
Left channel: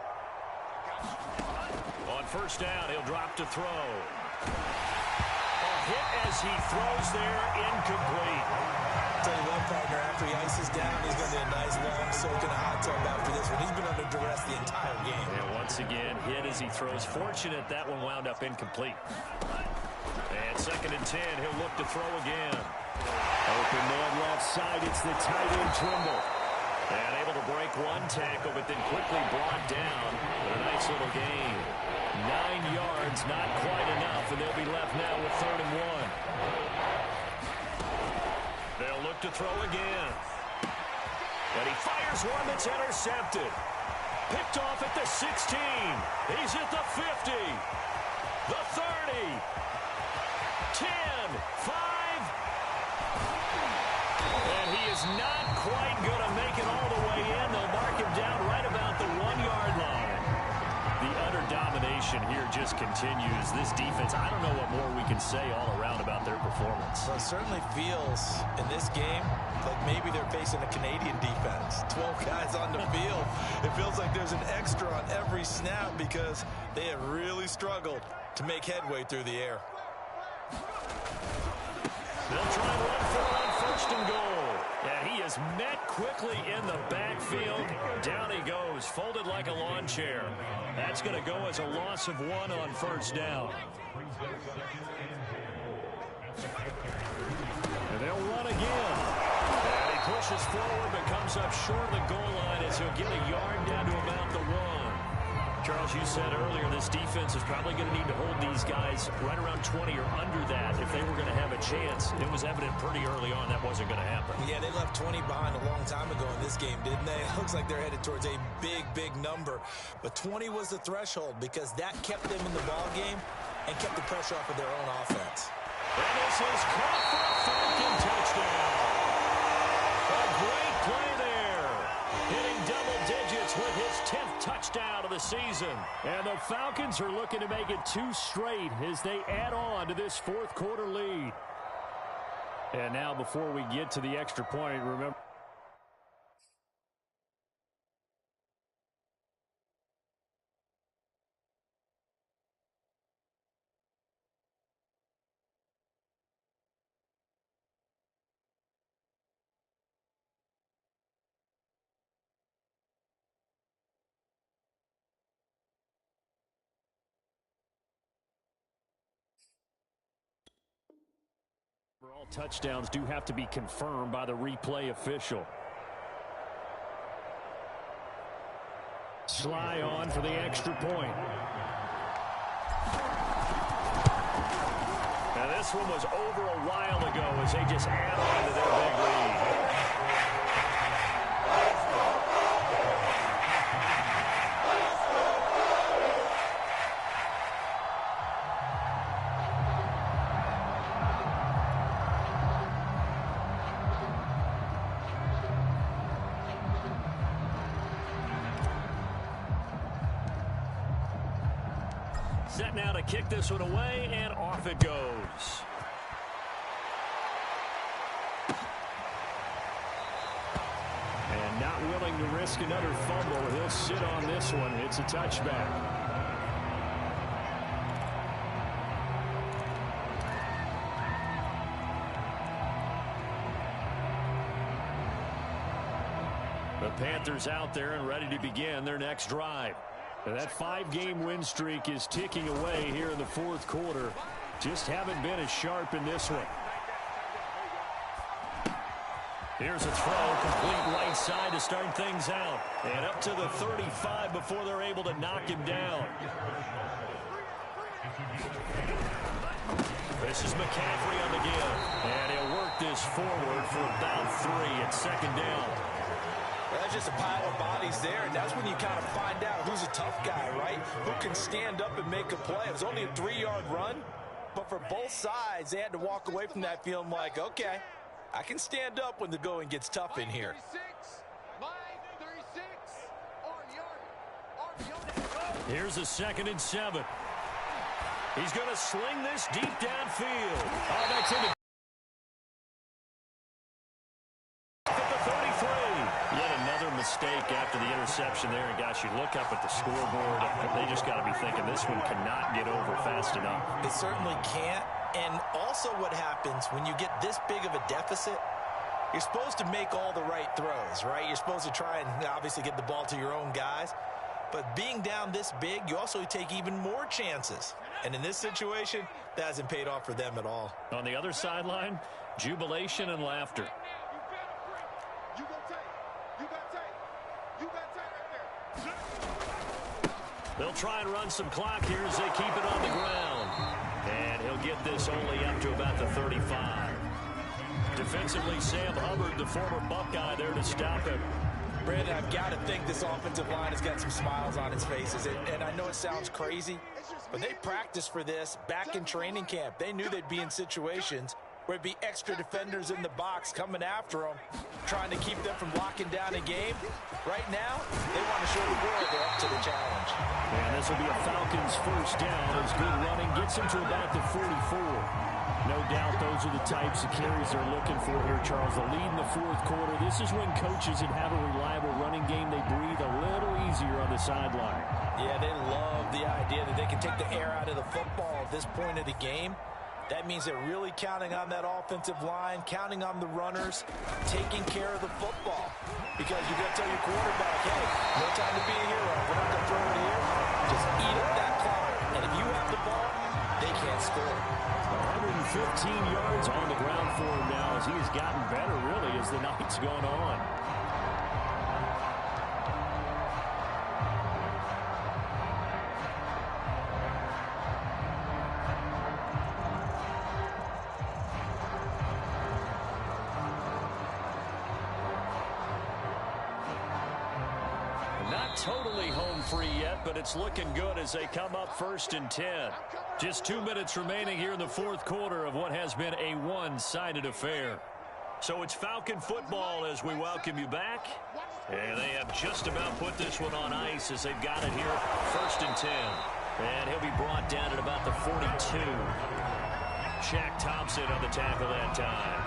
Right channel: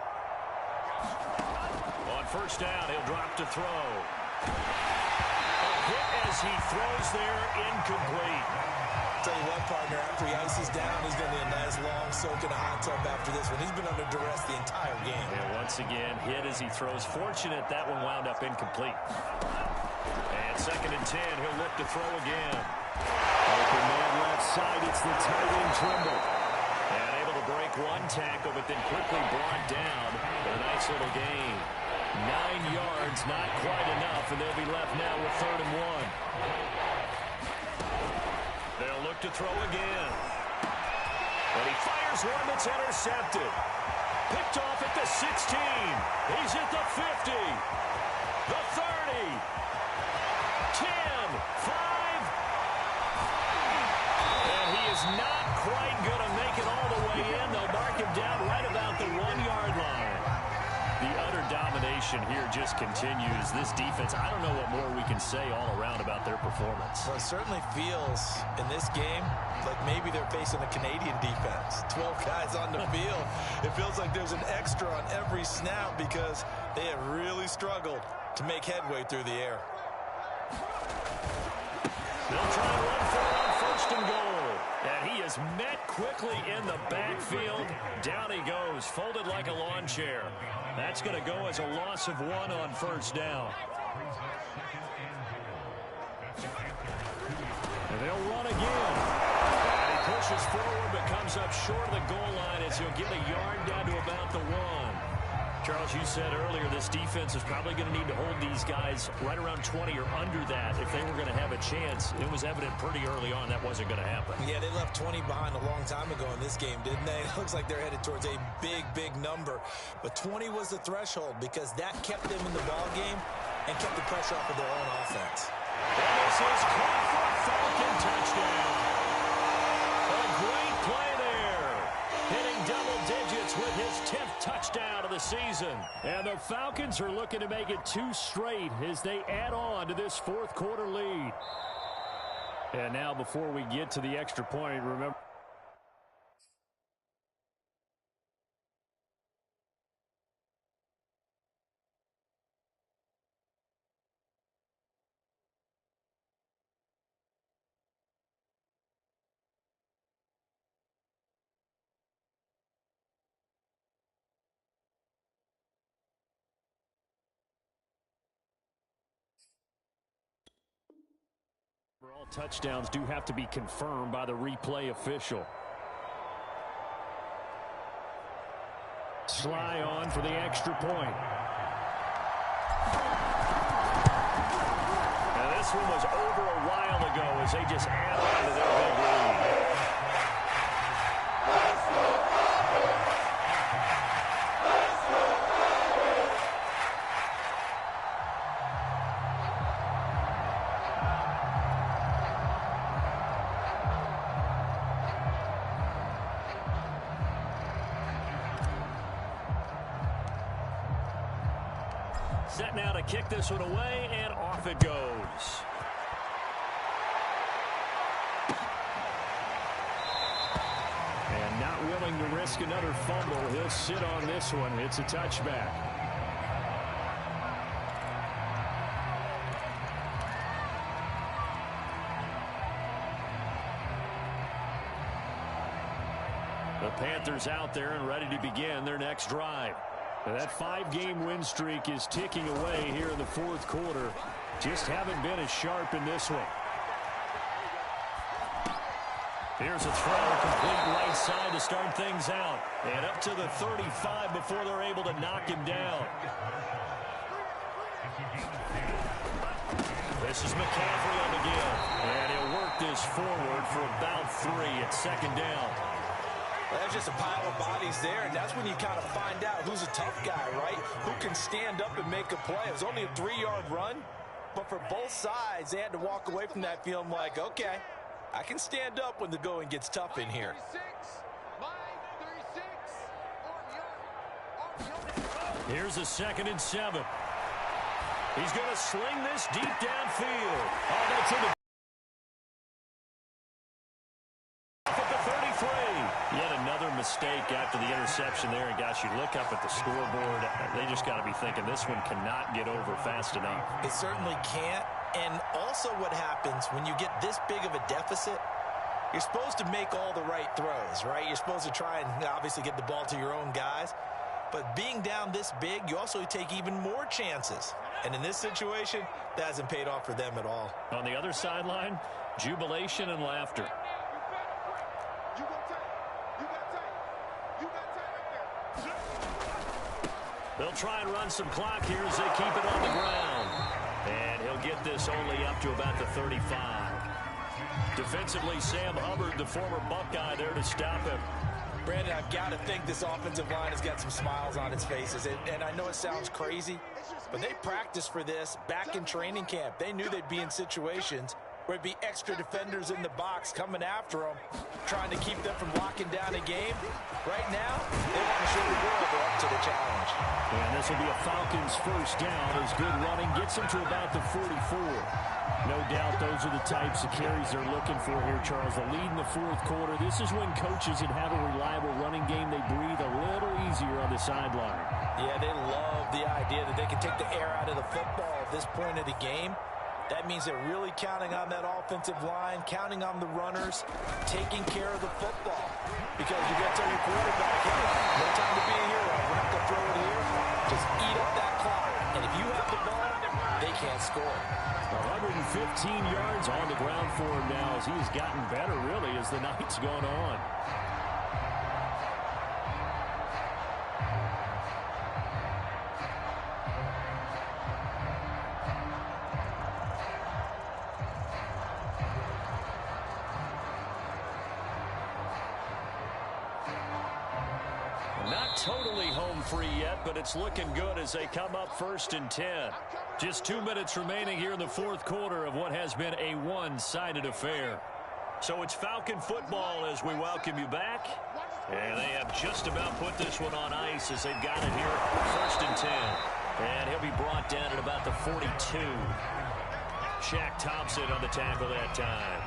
On 1st down, he'll drop to throw. A hit as he throws there, incomplete. Tell you what, partner, after he ices down, he's going to need a nice long soak in a hot tub after this one. He's been under duress the entire game. And once again, hit as he throws. Fortunate that one wound up incomplete. And 2nd and 10, he'll look to throw again. Open man left side, it's the tight end Trimble. And able to break 1 tackle, but then quickly brought down. But a nice little gain. 9 yards, not quite enough, and they'll be left now with 3rd and 1. They'll look to throw again. But he fires one that's intercepted. Picked off at the 16. He's at the 50. The 30. 10. 5. And he is not quite going to make it all the way in. They'll mark him down right about the 1-yard line. The utter domination here just continues. This defense, I don't know what more we can say all around about their performance. Well, it certainly feels in this game like maybe they're facing a Canadian defense. 12 guys on the field. It feels like there's an extra on every snap because they have really struggled to make headway through the air. They'll try and run for it on first and goal. And he is met quickly in the backfield. Down he goes, folded like a lawn chair. That's going to go as a loss of 1 on first down. And they'll run again. And he pushes forward but comes up short of the goal line as he'll get a yard down to about the 1. Charles, you said earlier this defense is probably going to need to hold these guys right around 20 or under that if they were going to have a chance. It was evident pretty early on that wasn't going to happen. Yeah, they left 20 behind a long time ago in this game, didn't they? It looks like they're headed towards a big, big number. But 20 was the threshold because that kept them in the ball game and kept the pressure off of their own offense. And this is caught for a Falcon touchdown. A great play there. Hitting double digits with his 10th touchdown of the season. And the Falcons are looking to make it 2 straight as they add on to this fourth quarter lead. And now before we get to the extra point, remember. All touchdowns do have to be confirmed by the replay official. Sly on for the extra point. Now this one was over a while ago as they just add on to their big lead. Set now to kick this one away, and off it goes. And not willing to risk another fumble. He'll sit on this one. It's a touchback. The Panthers out there and ready to begin their next drive. That 5-game win streak is ticking away here in the fourth quarter. Just haven't been as sharp in this one. Here's a throw, complete right side to start things out. And up to the 35 before they're able to knock him down. This is McCaffrey on the give. And he'll work this forward for about 3 at second down. That's just a pile of bodies there, and that's when you kind of find out who's a tough guy, right? Who can stand up and make a play. It was only a 3-yard run, but for both sides, they had to walk away from that feeling like, okay, I can stand up when the going gets tough in here. Here's a 2nd and 7. He's going to sling this deep downfield. Oh, that's in the at the 33. Yet another mistake after the interception there. And gosh, you look up at the scoreboard, they just got to be thinking this one cannot get over fast enough. It certainly can't. And also what happens when you get this big of a deficit, you're supposed to make all the right throws, right? You're supposed to try and obviously get the ball to your own guys. But being down this big, you also take even more chances. And in this situation, that hasn't paid off for them at all. On the other sideline, jubilation and laughter. They'll try and run some clock here as they keep it on the ground. And he'll get this only up to about the 35. Defensively, Sam Hubbard, the former Buckeye, there to stop him. Brandon, I've got to think this offensive line has got some smiles on its faces. And I know it sounds crazy, but they practiced for this back in training camp. They knew they'd be in situations where it'd be extra defenders in the box coming after them, trying to keep them from locking down a game. Right now, they want to show the world they're up to the challenge. And this will be a Falcons first down as good running gets him to about the 44. No doubt those are the types of carries they're looking for here, Charles. The lead in the fourth quarter. This is when coaches that have a reliable running game, they breathe a little easier on the sideline. Yeah, they love the idea that they can take the air out of the football at this point of the game. That means they're really counting on that offensive line, counting on the runners, taking care of the football. Because you're going to tell your quarterback, hey, no time to be a hero. We're not going to throw it here. Just eat up that clock. And if you have the ball, they can't score. 115 yards on the ground for him now as he's gotten better, really, as the night's gone on. Not totally home free yet, but it's looking good as they come up 1st and 10. Just 2 minutes remaining here in the fourth quarter of what has been a one-sided affair. So it's Falcon football as we welcome you back. And they have just about put this one on ice as they've got it here 1st and 10. And he'll be brought down at about the 42. Shaq Thompson on the tackle that time.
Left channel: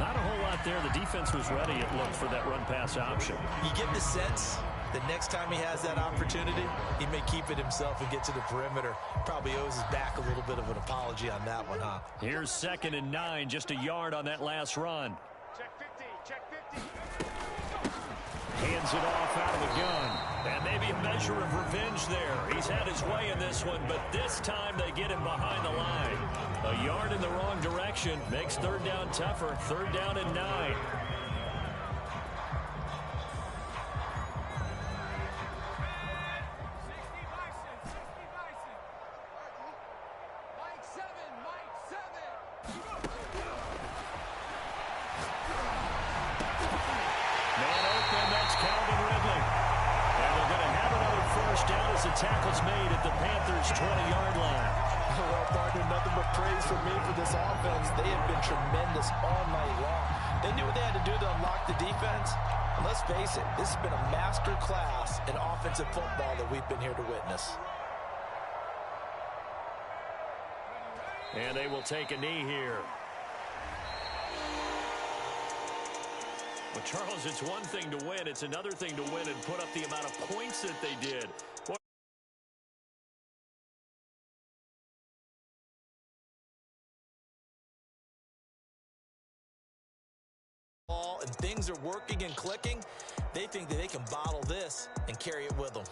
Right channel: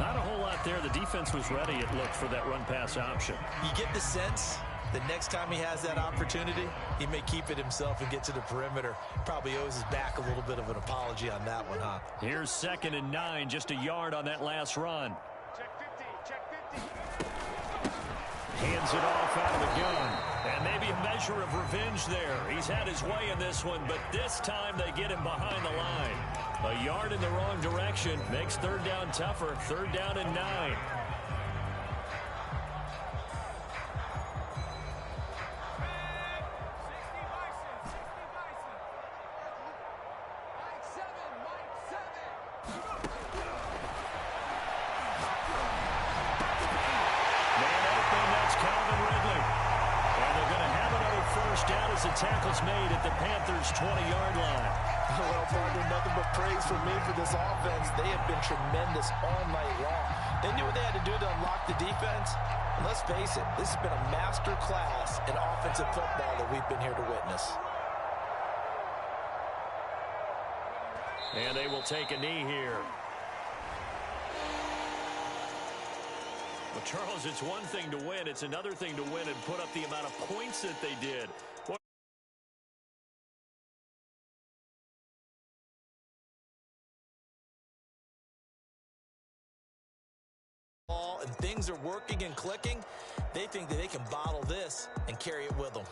Not a whole lot there. The defense was ready, it looked, for that run-pass option. You get the sense the next time he has that opportunity, he may keep it himself and get to the perimeter. Probably owes his back a little bit of an apology on that one, huh? Here's 2nd and 9, just a yard on that last run. Check 50, check 50. Hands it off out of the gun. And maybe a measure of revenge there. He's had his way in this one, but this time they get him behind the line. A yard in the wrong direction makes 3rd down tougher. 3rd down and 9. The tackle's made at the Panthers' 20-yard line. Well, partner, nothing but praise from me for this offense. They have been tremendous all night long. They knew what they had to do to unlock the defense. And let's face it, this has been a master class in offensive football that we've been here to witness. And they will take a knee here. Well, Charles, it's one thing to win. It's another thing to win and put up the amount of points that they did. And things are working and clicking, they think that they can bottle this and carry it with them.